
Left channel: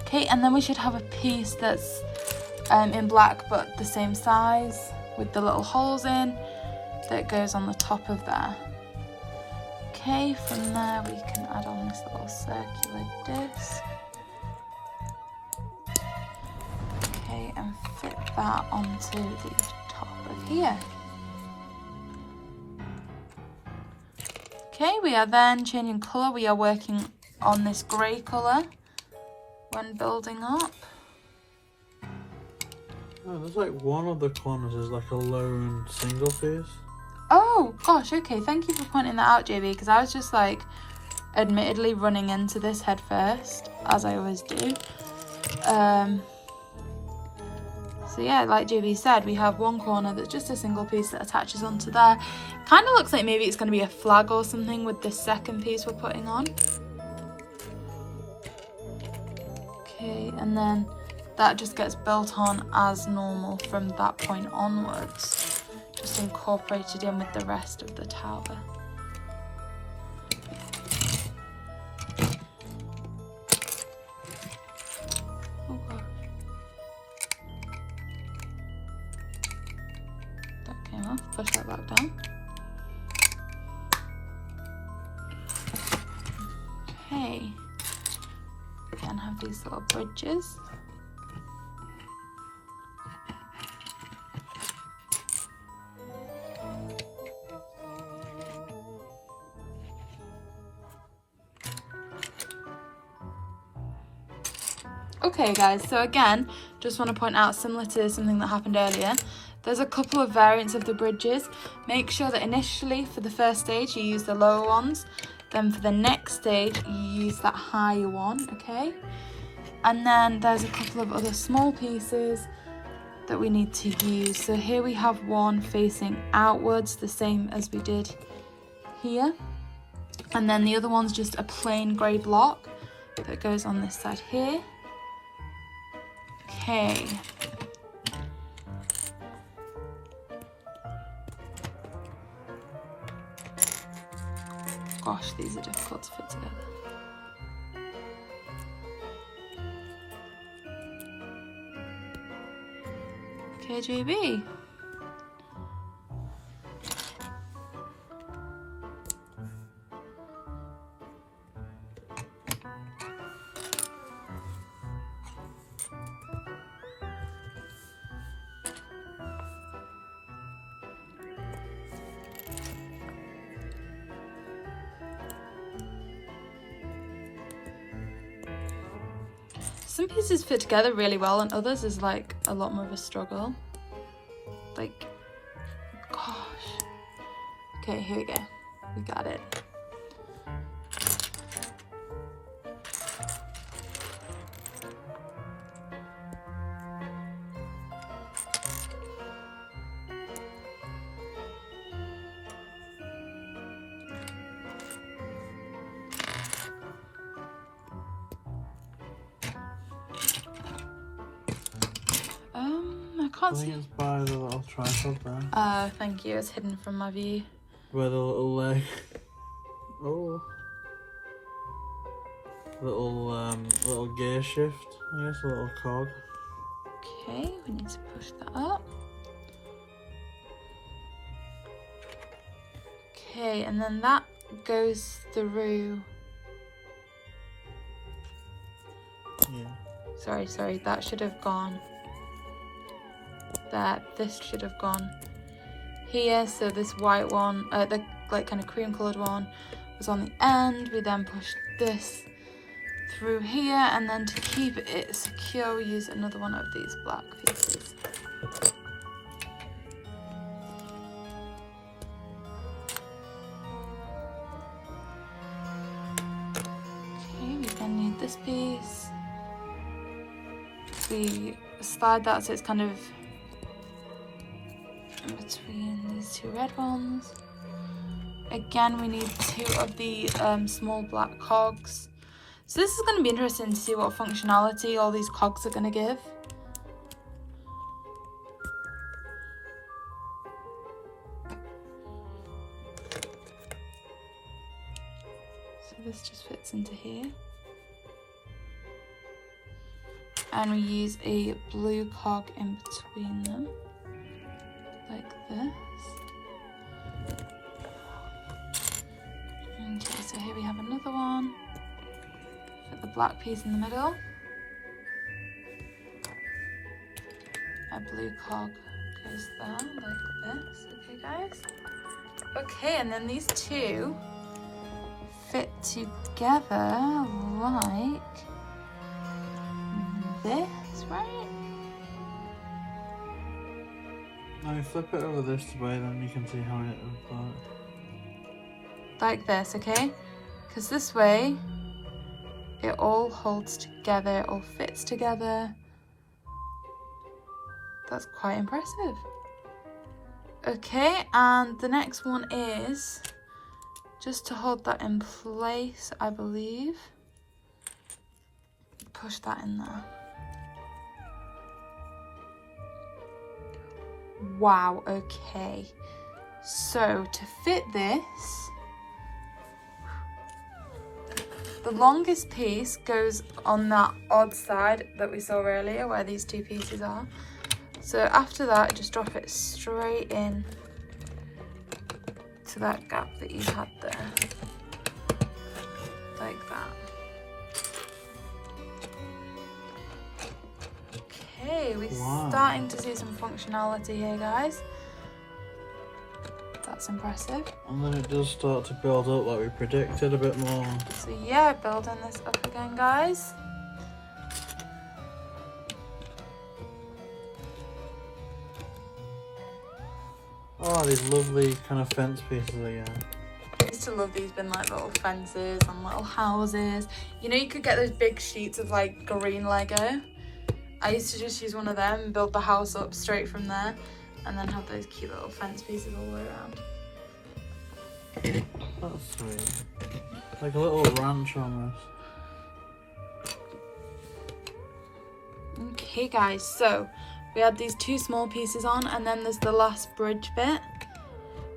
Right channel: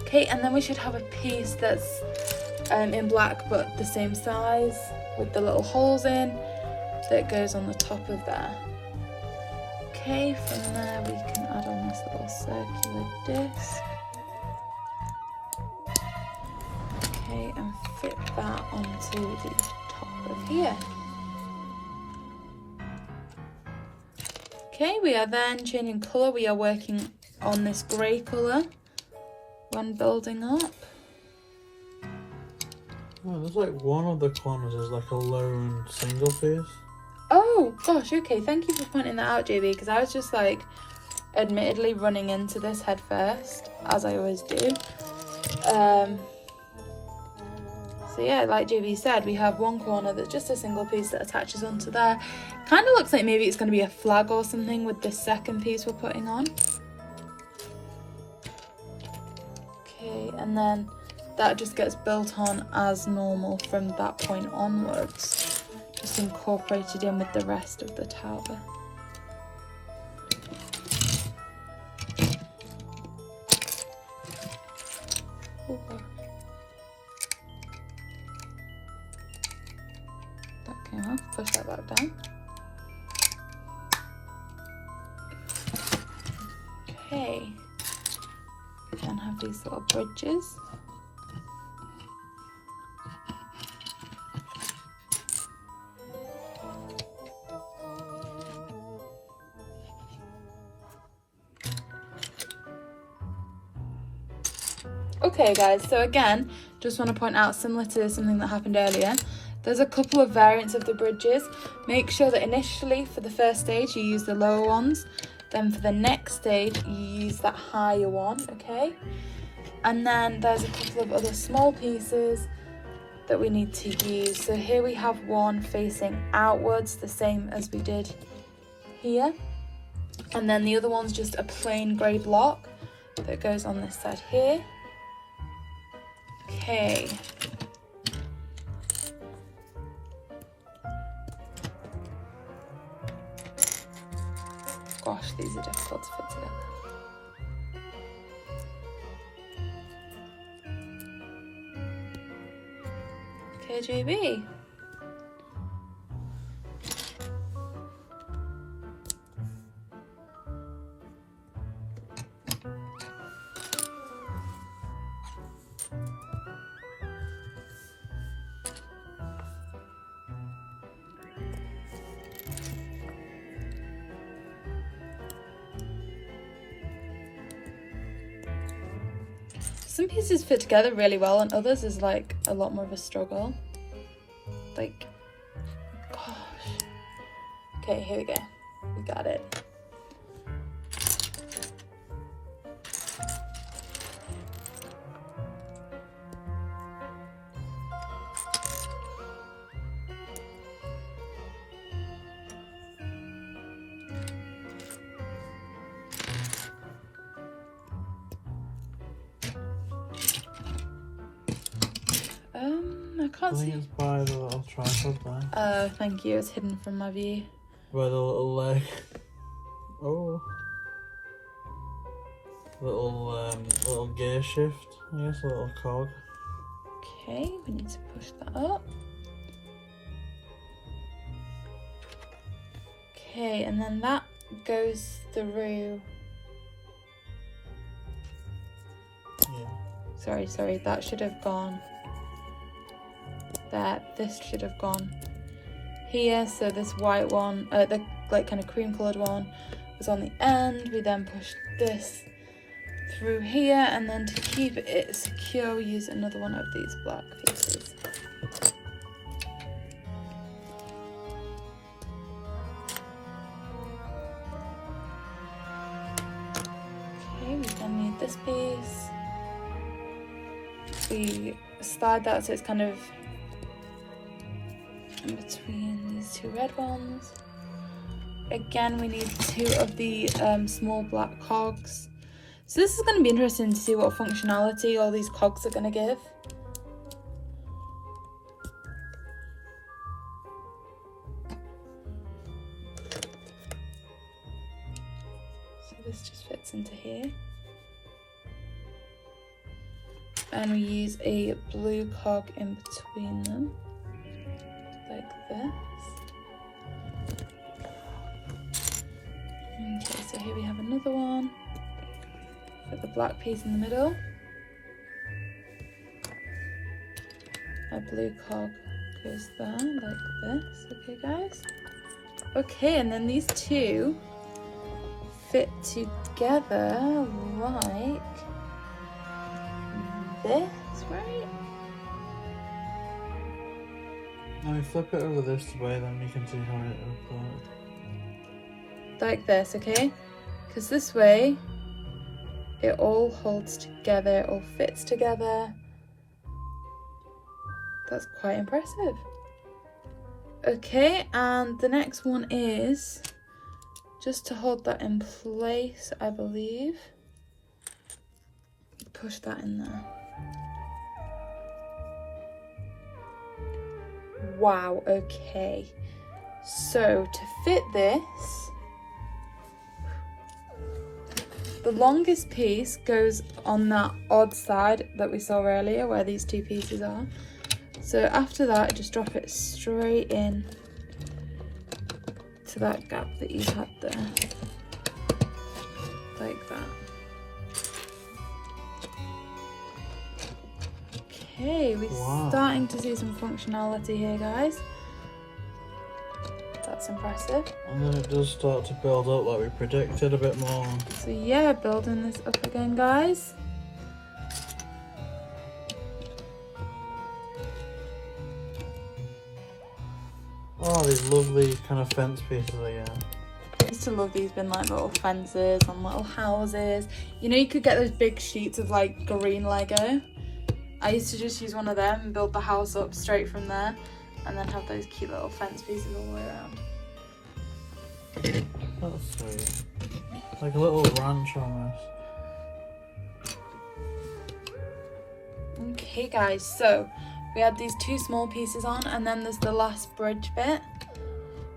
Okay, and then we should have a piece that's in black but the same size with the little holes in that goes on the top of there. Okay, from there we can add on this little circular disc. Okay, and fit that onto the top of here. Okay, we are then changing colour. We are working on this grey colour when building up. Oh, there's like one of the corners is like a lone single piece. Oh gosh, okay, thank you for pointing that out, JB, because I was just like admittedly running into this head first, as I always do. So yeah, like JB said, we have one corner that's just a single piece that attaches onto there. Kind of looks like maybe it's going to be a flag or something with this second piece we're putting on. Okay, and then that just gets built on as normal from that point onwards. Just incorporated in with the rest of the tower. Ooh. That came off, push that back down. Okay, then have these little bridges. Okay guys, so again, just want to point out, similar to something that happened earlier, there's a couple of variants of the bridges. Make sure that initially for the first stage you use the lower ones, then for the next stage you use that higher one, okay? And then there's a couple of other small pieces that we need to use. So here we have one facing outwards, the same as we did here. And then the other one's just a plain grey block that goes on this side here. Okay. Gosh, these are difficult to fit together. Okay, JB. Some pieces fit together really well and others is like a lot more of a struggle. Like, gosh. Okay, here we go. We got it. I can't see. I think it's by the little tripod there. Thank you. It's hidden from my view. By the little leg. Oh. Little gear shift. Yes, a little cog. Okay, we need to push that up. Okay, and then that goes through. Yeah. Sorry, that should have gone there. This should have gone here. So this white one, the like kind of cream coloured one, was on the end. We then pushed this through here, and then to keep it secure, we use another one of these black pieces. Okay, we then need this piece. We slide that so it's kind of in between these two red ones. Again, we need two of the small black cogs. So this is going to be interesting to see what functionality all these cogs are going to give. So this just fits into here. And we use a blue cog in between them, like this. Okay, so here we have another one. Put the black piece in the middle. A blue cog goes there, like this. Okay, guys. Okay, and then these two fit together like this, right? When you flip it over this way, then you can see how it looks. Like this, okay? Because this way, it all holds together, it all fits together. That's quite impressive. Okay, and the next one is just to hold that in place, I believe. Push that in there. Wow, okay. So to fit this, the longest piece goes on that odd side that we saw earlier where these two pieces are. So after that, just drop it straight in to that gap that you had there. Like that. Okay, we're starting to see some functionality here, guys. That's impressive. And then it does start to build up like we predicted a bit more. So yeah, building this up again, guys. Oh, these lovely kind of fence pieces again. I used to love these being like little fences and little houses. You know, you could get those big sheets of like green Lego I used to just use one of them and build the house up straight from there, and then have those cute little fence pieces all the way around. That's sweet. Like a little ranch almost. Okay guys, so we had these 2 small pieces on, and then there's the last bridge bit,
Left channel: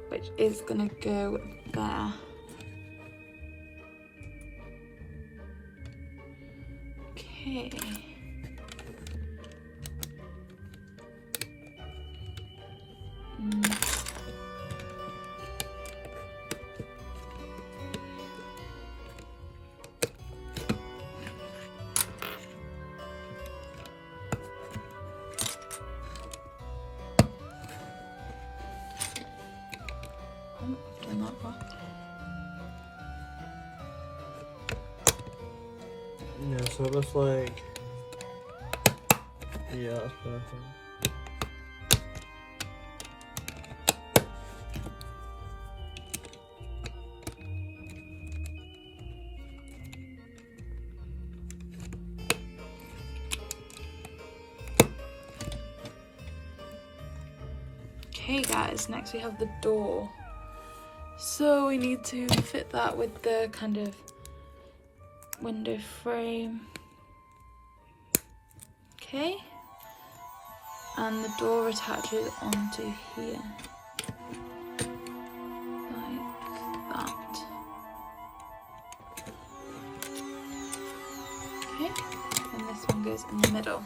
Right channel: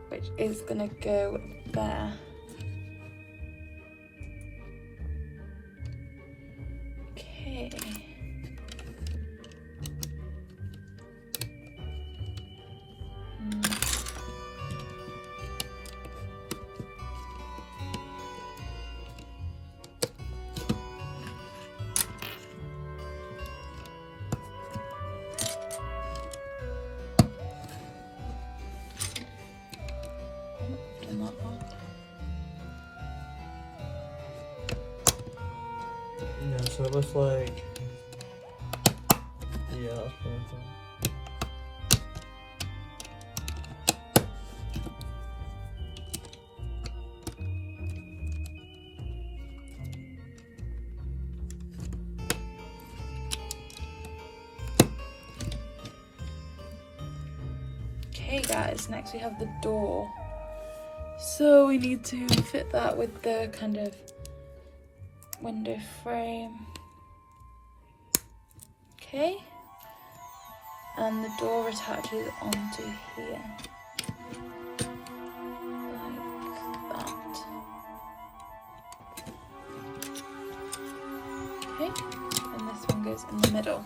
which is gonna go there. Okay. Yeah, so it looks like... Yeah, that's perfect. Okay guys, next we have the door. So we need to fit that with the kind of window frame. Okay. And the door attaches onto here. Like that. Okay. And this one goes in the middle.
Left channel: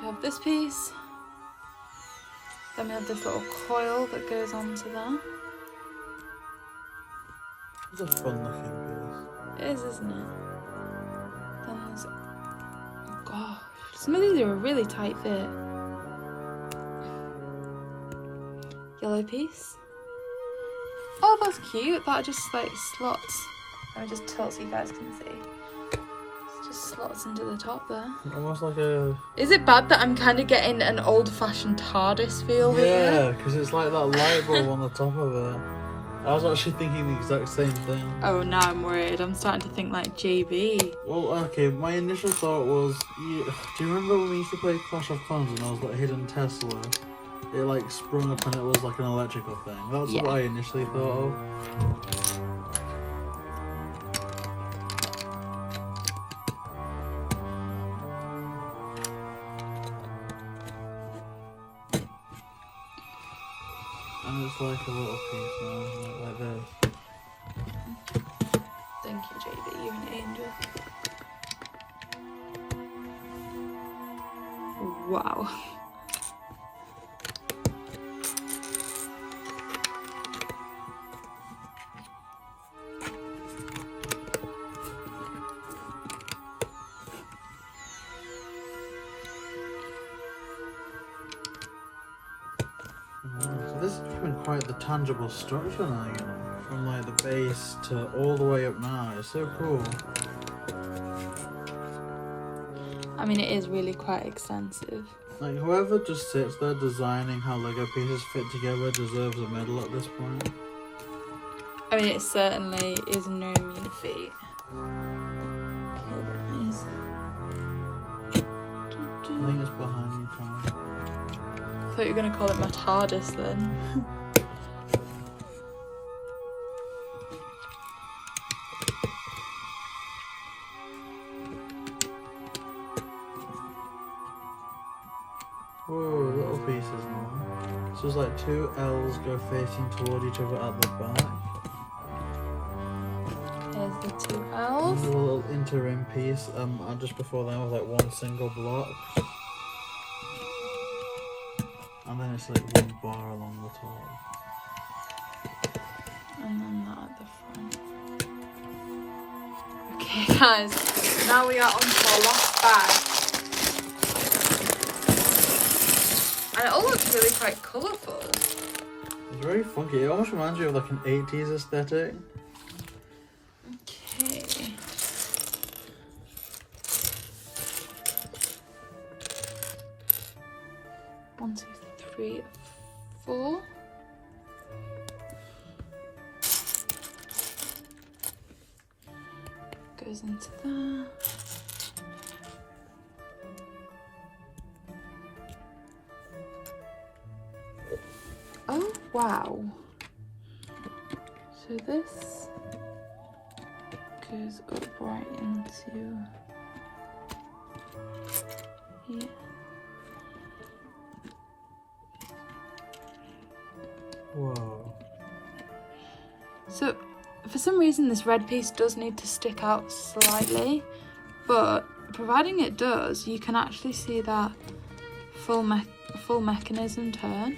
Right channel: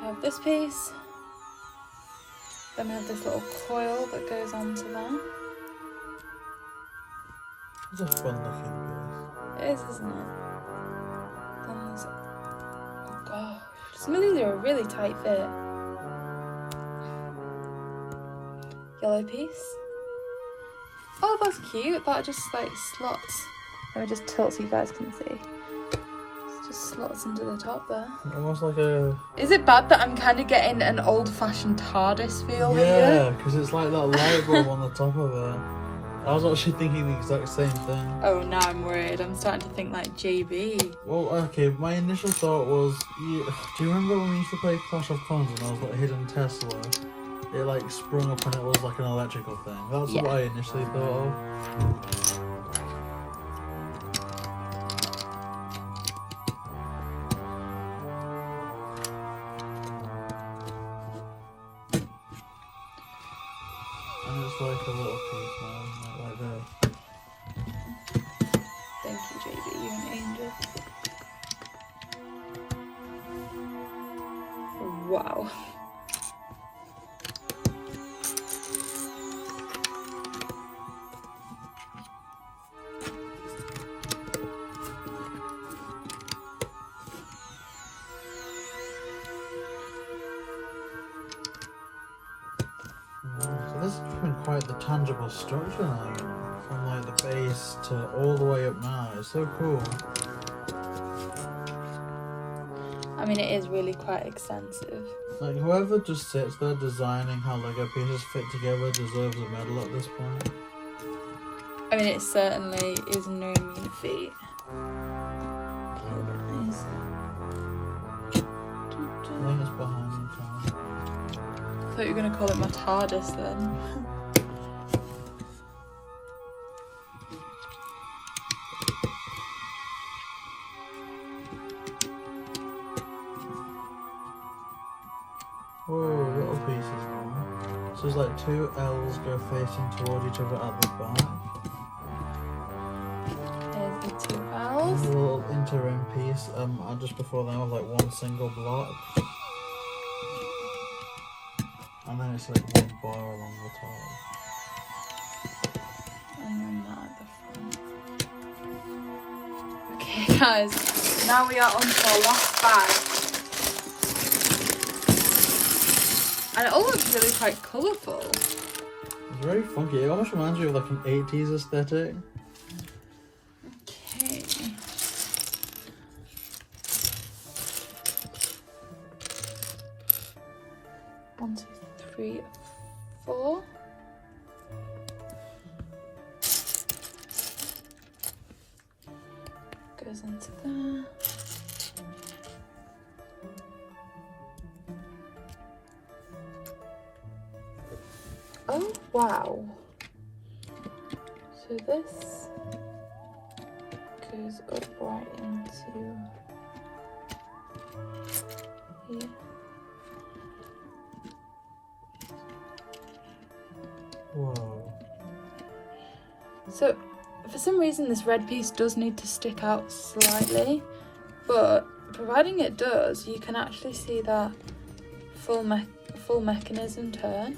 We have this piece. Then we have this little coil that goes onto there. It's a fun looking piece. It is, isn't it? Then there's... Gosh, some of these are a really tight fit. Yellow piece. Oh, that's cute. That just like slots. Let me just tilt so you guys can see. It just slots into the top there. Almost like a... Is it bad that I'm kind of getting an old-fashioned TARDIS feel here? Yeah, because it's like that light bulb on the top of it. I was actually thinking the exact same thing. Oh, now I'm worried. I'm starting to think like JB. Well, okay, my initial thought was, do you remember when we used to play Clash of Clans and there was that hidden Tesla? It like sprung up and it was like an electrical thing. That's what I initially thought of. And it's like a little piece now, like this. Thank you, JB. You're an angel. Wow. So this is becoming quite the tangible structure now, you know, from like the base to all the way up now. It's so cool. I mean, it is really quite extensive. Like whoever just sits there designing how Lego pieces fit together deserves a medal at this point. I mean, it certainly is no mean feat. I think it's behind you. I thought you were going to call it my TARDIS then. Whoa, little pieces now. So there's like 2 L's go facing toward each other at the back. There's the 2 There's L's. a little inter-ring piece and just before them with like 1 single block. And then it's like 1 bar along the top. And then that at the front. Okay, guys. Now we are on to our last bag. And it all looks really quite colourful. It's very funky. It almost reminds you of like an 80s aesthetic. Okay. One, two, three, 4. Goes into there. wow. So this goes up right into here. Whoa. So for some reason this red piece does need to stick out slightly, but providing it does, you can actually see that full mechanism turn.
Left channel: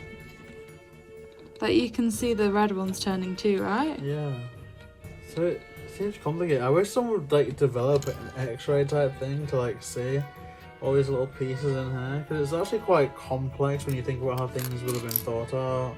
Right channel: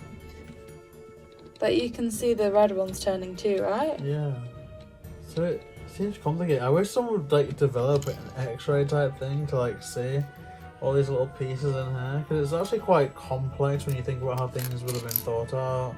Like you can see the red ones turning too, right? Yeah. So it seems complicated. I wish someone would like develop an X-ray type thing to like see all these little pieces in here, because it's actually quite complex when you think about how things would have been thought out.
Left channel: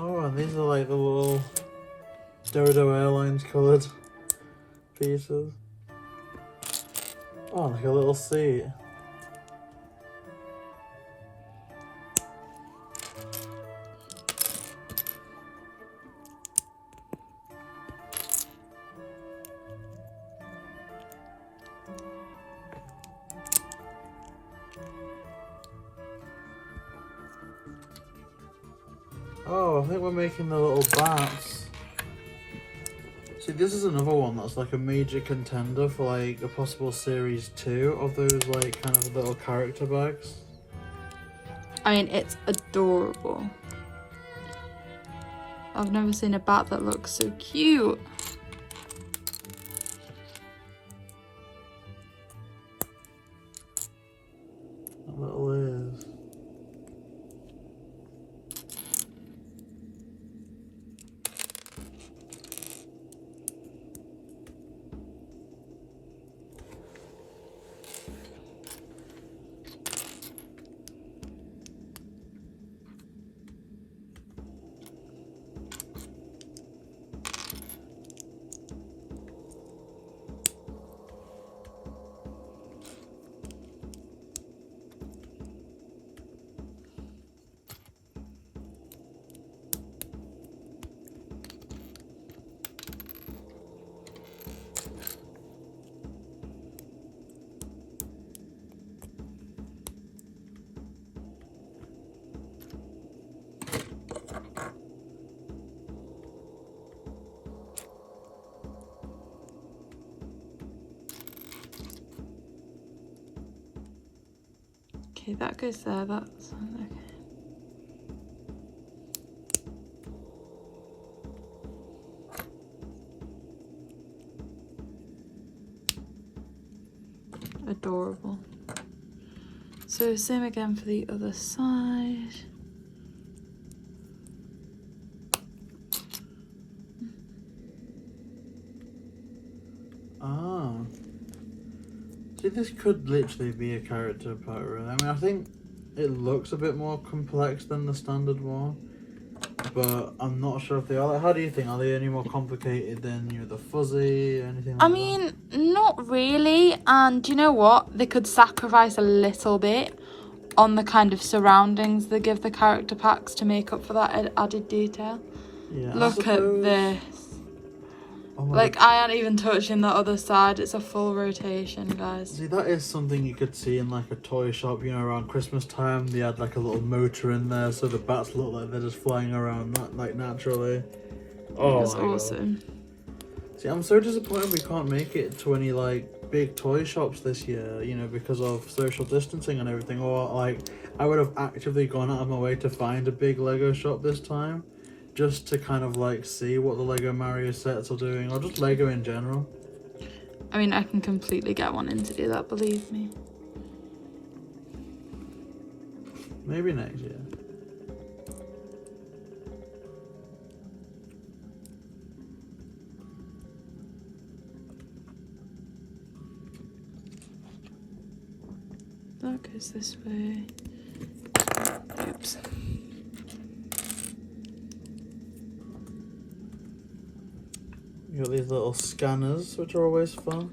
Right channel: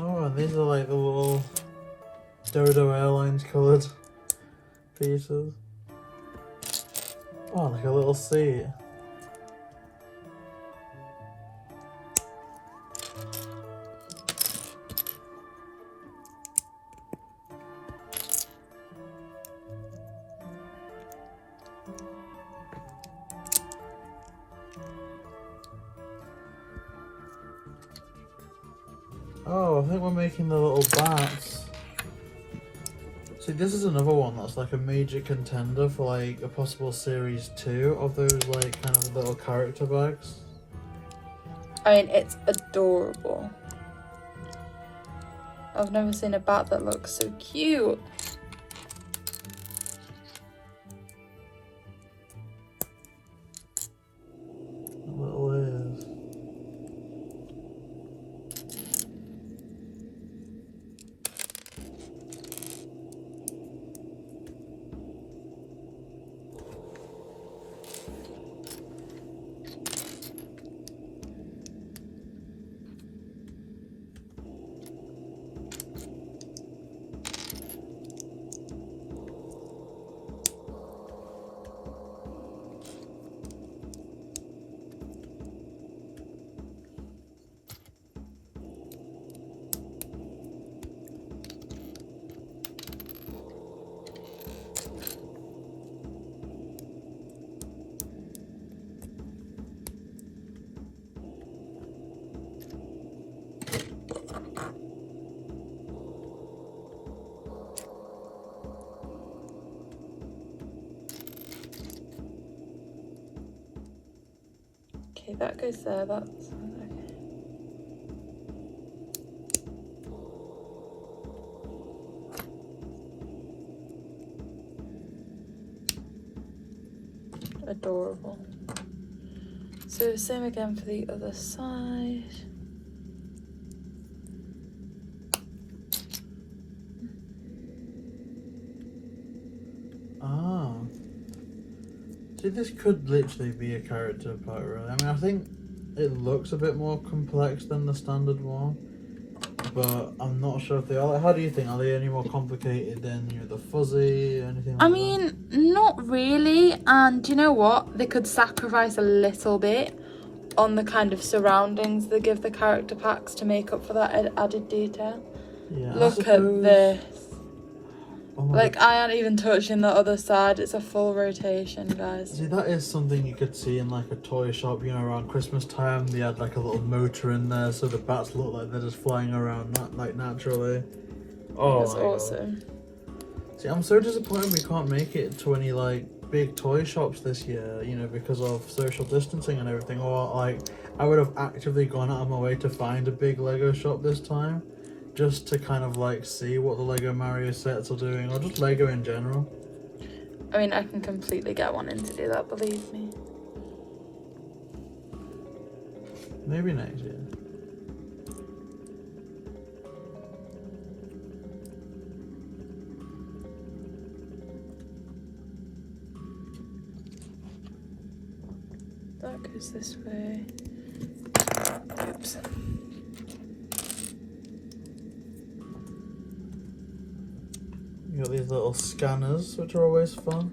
Oh, and these are like the little Dodo Airlines coloured pieces. Oh, like a little seat. Oh, I think we're making the little bats. See, this is another one that's like a major contender for like a possible series 2 of those like kind of little character bags. I mean, it's adorable. I've never seen a bat that looks so cute. Little ears. Okay, that goes there, that's okay. Adorable. So same again for the other side. Ah. See, this could literally be a character pack, really. I mean, I think it looks a bit more complex than the standard one, but I'm not sure if they are. Like, how do you think? Are they any more complicated than, you know, the fuzzy or anything like I mean, not really, and you know what? They could sacrifice a little bit on the kind of surroundings they give the character packs to make up for that added detail. Yeah, Look at this. Oh my Like, I ain't even touching the other side. It's a full rotation, guys. See, that is something you could see in like a toy shop, you know, around Christmas time. They had like a little motor in there, so the bats look like they're just flying around like naturally. Oh, That's my awesome. God. See, I'm so disappointed we can't make it to any like big toy shops this year, you know, because of social distancing and everything. Or like, I would have actively gone out of my way to find a big Lego shop this time, just to kind of like see what the Lego Mario sets are doing, or just Lego in general. I mean, I can completely get one in to do that, believe me. Maybe next year. That goes this way. Oops. You got these little scanners, which are always fun.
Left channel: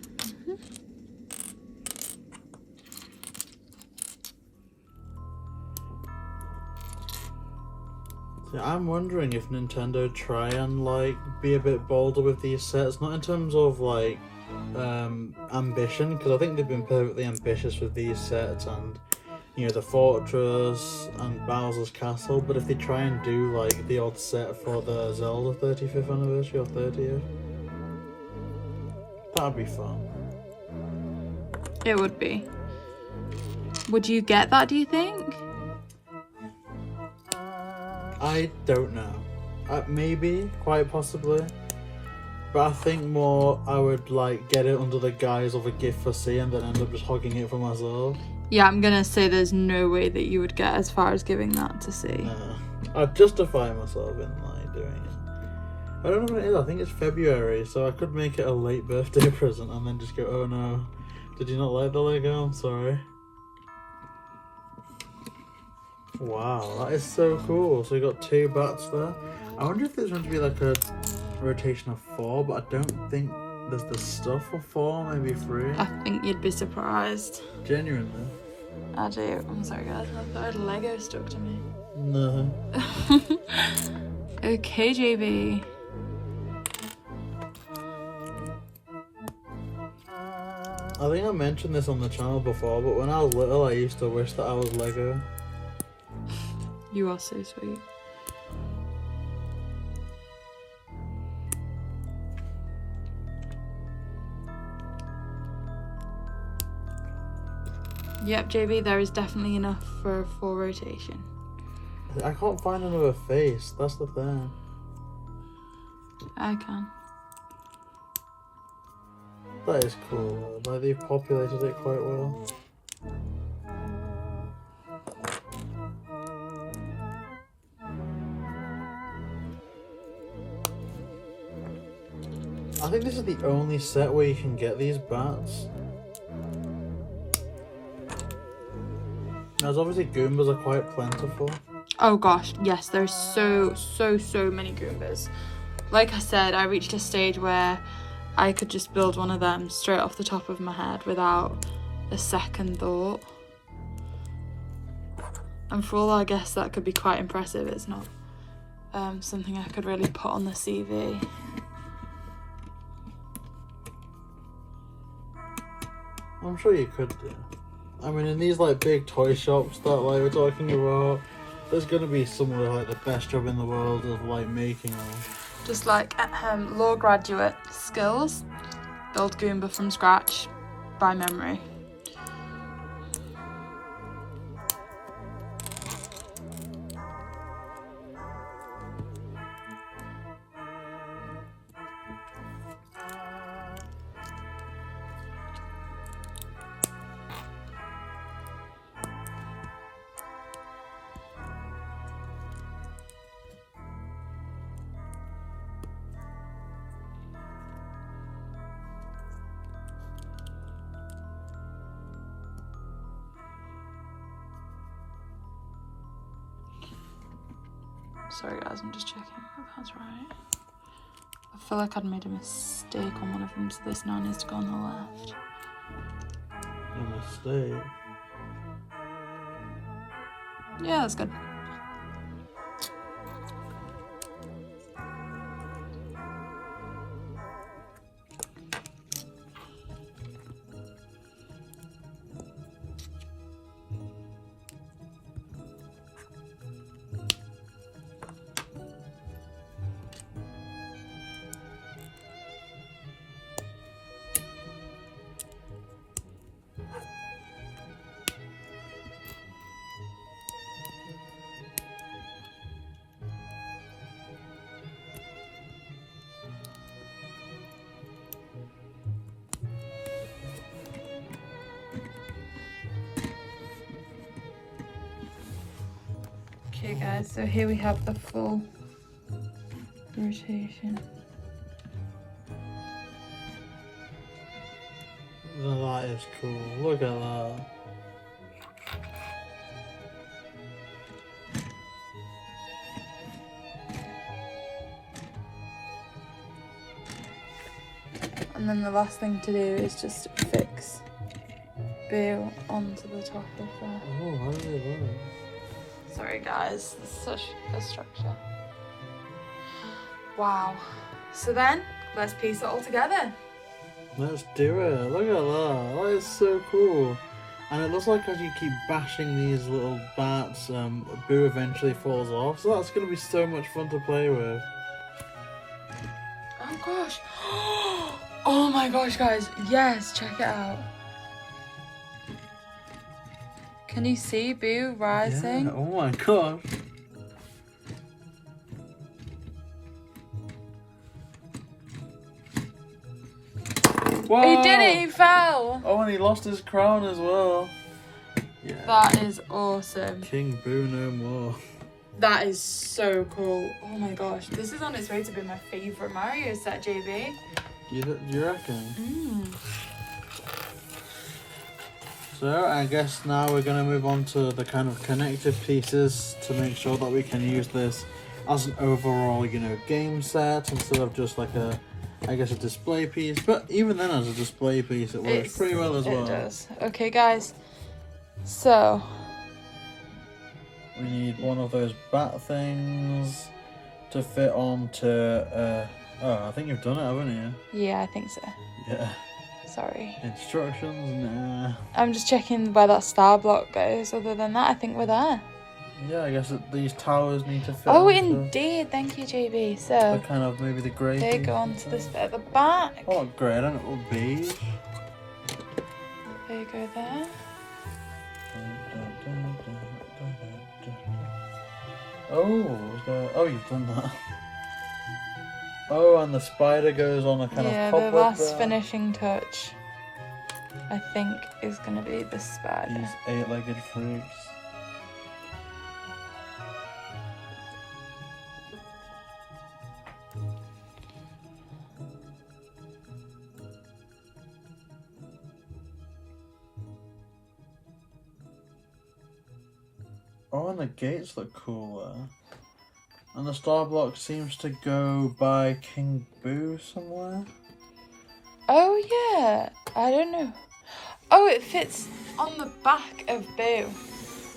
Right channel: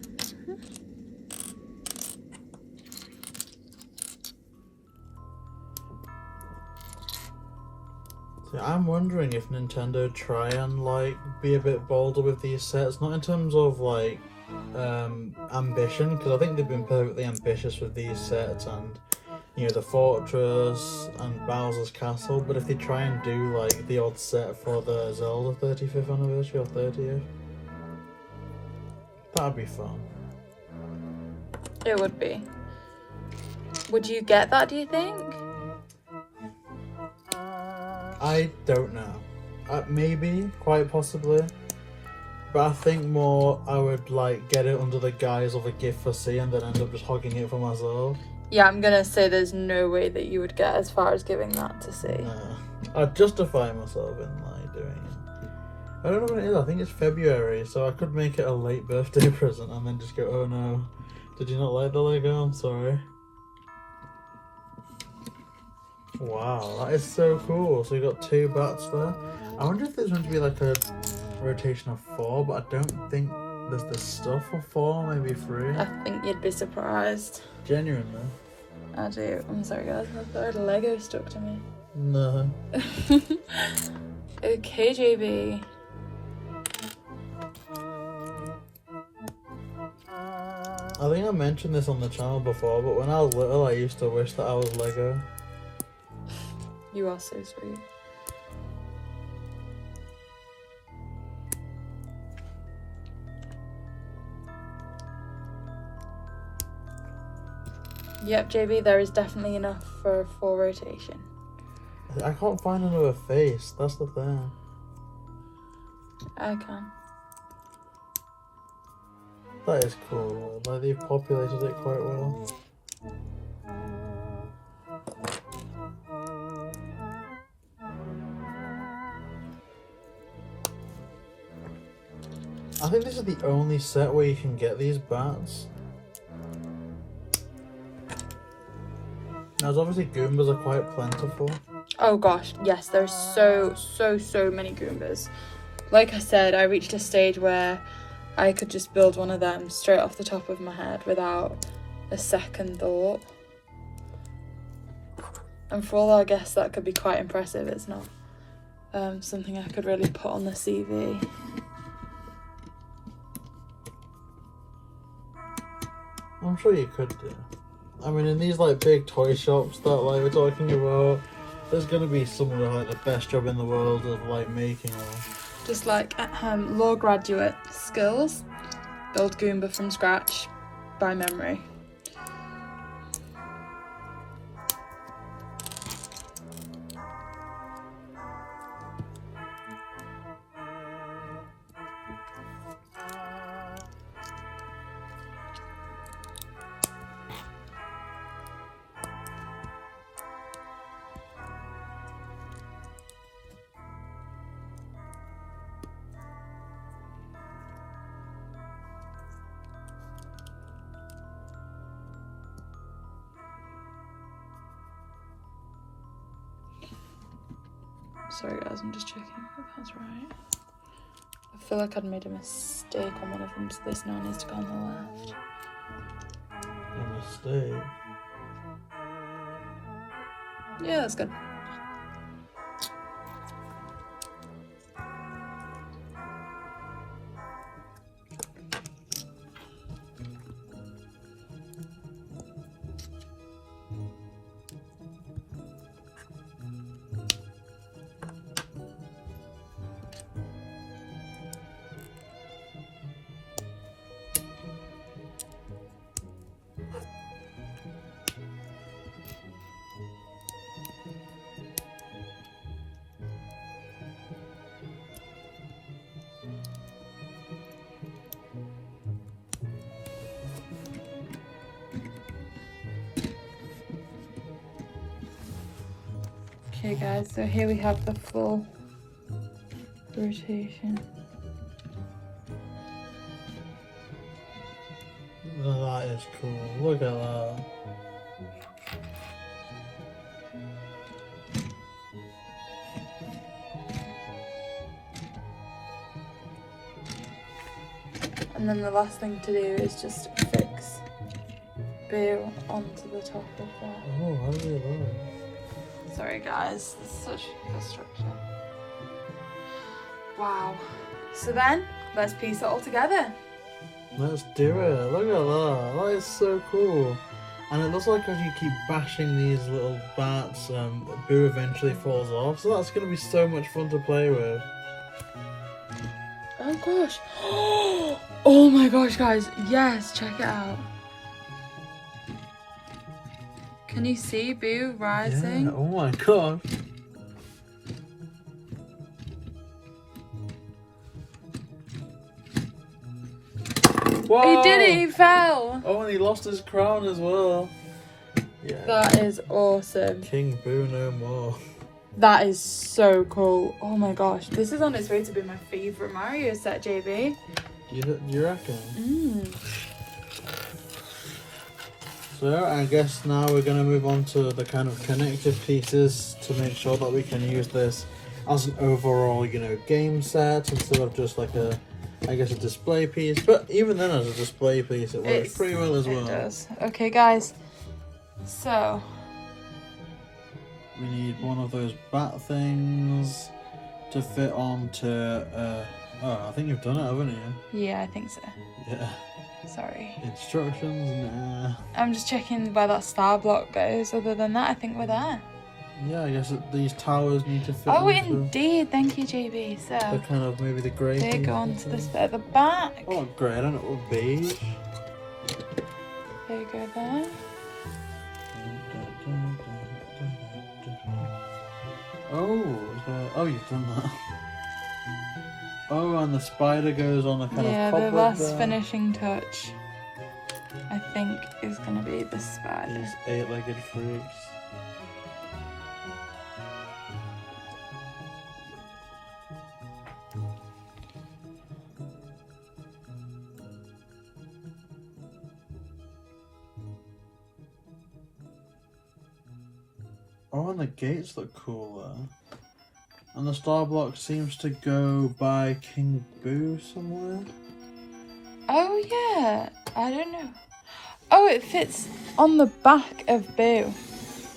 So I'm wondering if Nintendo try and like be a bit bolder with these sets, not in terms of like ambition, because I think they've been perfectly ambitious with these sets and the Fortress and Bowser's Castle, but if they try and do like the odd set for the Zelda 35th anniversary or 30th, that'd be fun. It would be. Would you get that, do you think? I don't know. Maybe, quite possibly. But I think more I would like get it under the guise of a gift for C and then end up just hogging it for myself. Yeah, I'm gonna say there's no way that you would get as far as giving that to C. I'd justify myself in like doing it. I don't know when it is, I think it's February, so I could make it a late birthday present and then just go, oh no, did you not like the Lego? I'm sorry. Wow, that is so cool. So we got 2 bats there. I wonder if there's going to be like a rotation of 4, but I don't think there's the stuff for 4, maybe 3. I think you'd be surprised. Genuinely. I do. I'm sorry guys, I thought Lego stuck to me. No. Okay, JB. I think I mentioned this on the channel before, but when I was little I used to wish that I was Lego. You are so sweet. Yep, JB, there is definitely enough for a 4 rotation. I can't find another face, that's the thing. I can. That is cool, like they've populated it quite well. I think this is the only set where you can get these bats. Now, obviously Goombas are quite plentiful. Oh gosh, yes, there's so many Goombas. Like I said, I reached a stage where I could just build one of them straight off the top of my head without a second thought. And for all I guess that could be quite impressive, it's not something I could really put on the CV. I'm sure you could do. I mean, in these like big toy shops that like we're talking about, there's gonna be some of like the best job in the world of like making them. Just like law graduate skills, build Goomba from scratch by memory. Sorry guys, I'm just checking if that's right. I feel like I'd made a mistake on one of them, so this now needs to go on the left. A mistake? Yeah, that's good. Okay guys, so here we have the full rotation. That is cool. Look at that. And then the last thing to do is just fix Boo onto the top of the phone. Oh, how do you do it? Sorry guys, this is such good structure. Wow. So then, let's piece it all together. Let's do it. Look at that. That is so cool. And it looks like as you keep bashing these little bats, Boo eventually falls off. So that's going to be so much fun to play with. Oh gosh. Oh my gosh, guys. Yes, check it out. Can you see Boo rising? Yeah. Oh my gosh. Whoa. He did it, he fell. Oh, and he lost his crown as well. Yeah. That is awesome. King Boo no more. That is so cool. Oh my gosh, this is on its way to be my favourite Mario set, JB. Do you reckon? Mm. So I guess now we're going to move on to the kind of connective pieces to make sure that we can use this as an overall, you know, game set instead of just like a, I guess, a display piece. But even then, as a display piece, it works pretty well as well. It does. Okay, guys. So we need one of those bat things to fit onto. Oh, I think you've done it, haven't you? yeah, I think so. Yeah. Sorry. Instructions. Nah. I'm just checking where that star block goes. Other than that, I think we're there. Yeah, I guess these towers need to fit. Oh, onto indeed. Thank you, JB. So the kind of maybe the grey. they go onto this bit at the back. Oh, grey, I don't know, beige. They go there. Oh, you've done that. Oh, and the spider goes on a kind Yeah, of the cobweb last there. finishing touch, I think, is going to be the spider. These eight-legged freaks. Oh, and the gates look cool there. And the star block seems to go by King Boo somewhere. Oh, yeah. I don't know. Oh, it fits on the back of Boo.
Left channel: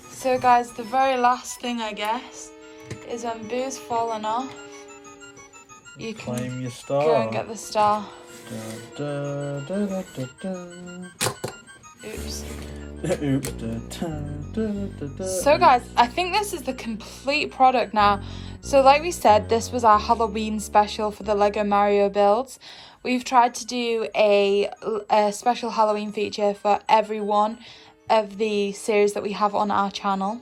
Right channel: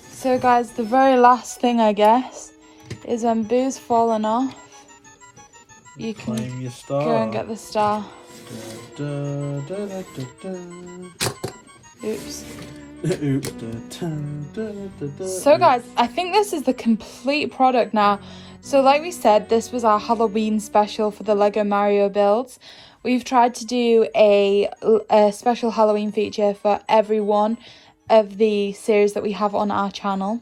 So, guys, the very last thing, I guess, is when Boo's fallen off, you can Claim your star. go and get the star. Da, da, da, da, da. Oops. Oops. Da, da, da, da, So guys, I think this is the complete product now. So like we said, this was our Halloween special for the Lego Mario builds. We've tried to do a special Halloween feature for every one of the series that we have on our channel.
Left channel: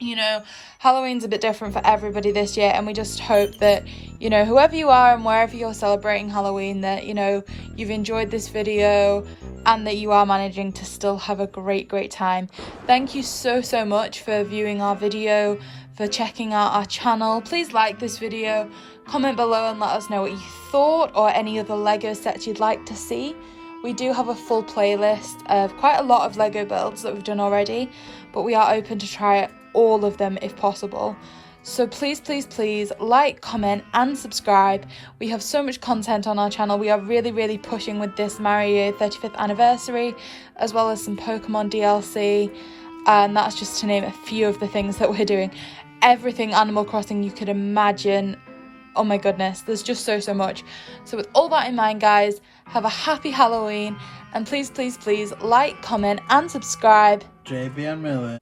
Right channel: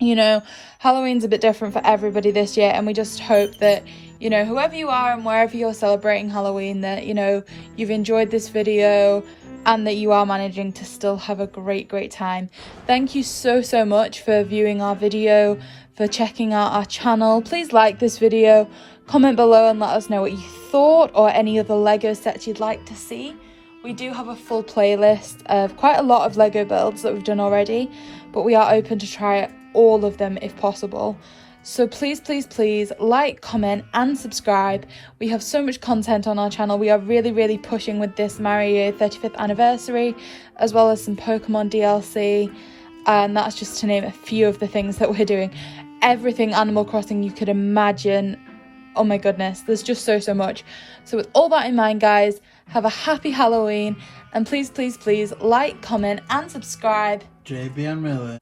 You know, Halloween's a bit different for everybody this year, and we just hope that, you know, whoever you are and wherever you're celebrating Halloween, that, you know, you've enjoyed this video and that you are managing to still have a great time. Thank you so much for viewing our video, for checking out our channel. Please like this video, comment below and let us know what you thought, or any other Lego sets you'd like to see. We do have a full playlist of quite a lot of Lego builds that we've done already, but we are open to try all of them if possible. So please like, comment and subscribe. We have so much content on our channel. We are really pushing with this Mario 35th anniversary, as well as some Pokemon DLC, and that's just to name a few of the things that we're doing. Everything Animal Crossing you could imagine. Oh my goodness, there's just so much. So with all that in mind, guys, have a happy Halloween, and please like, comment and subscribe. JB and Millie.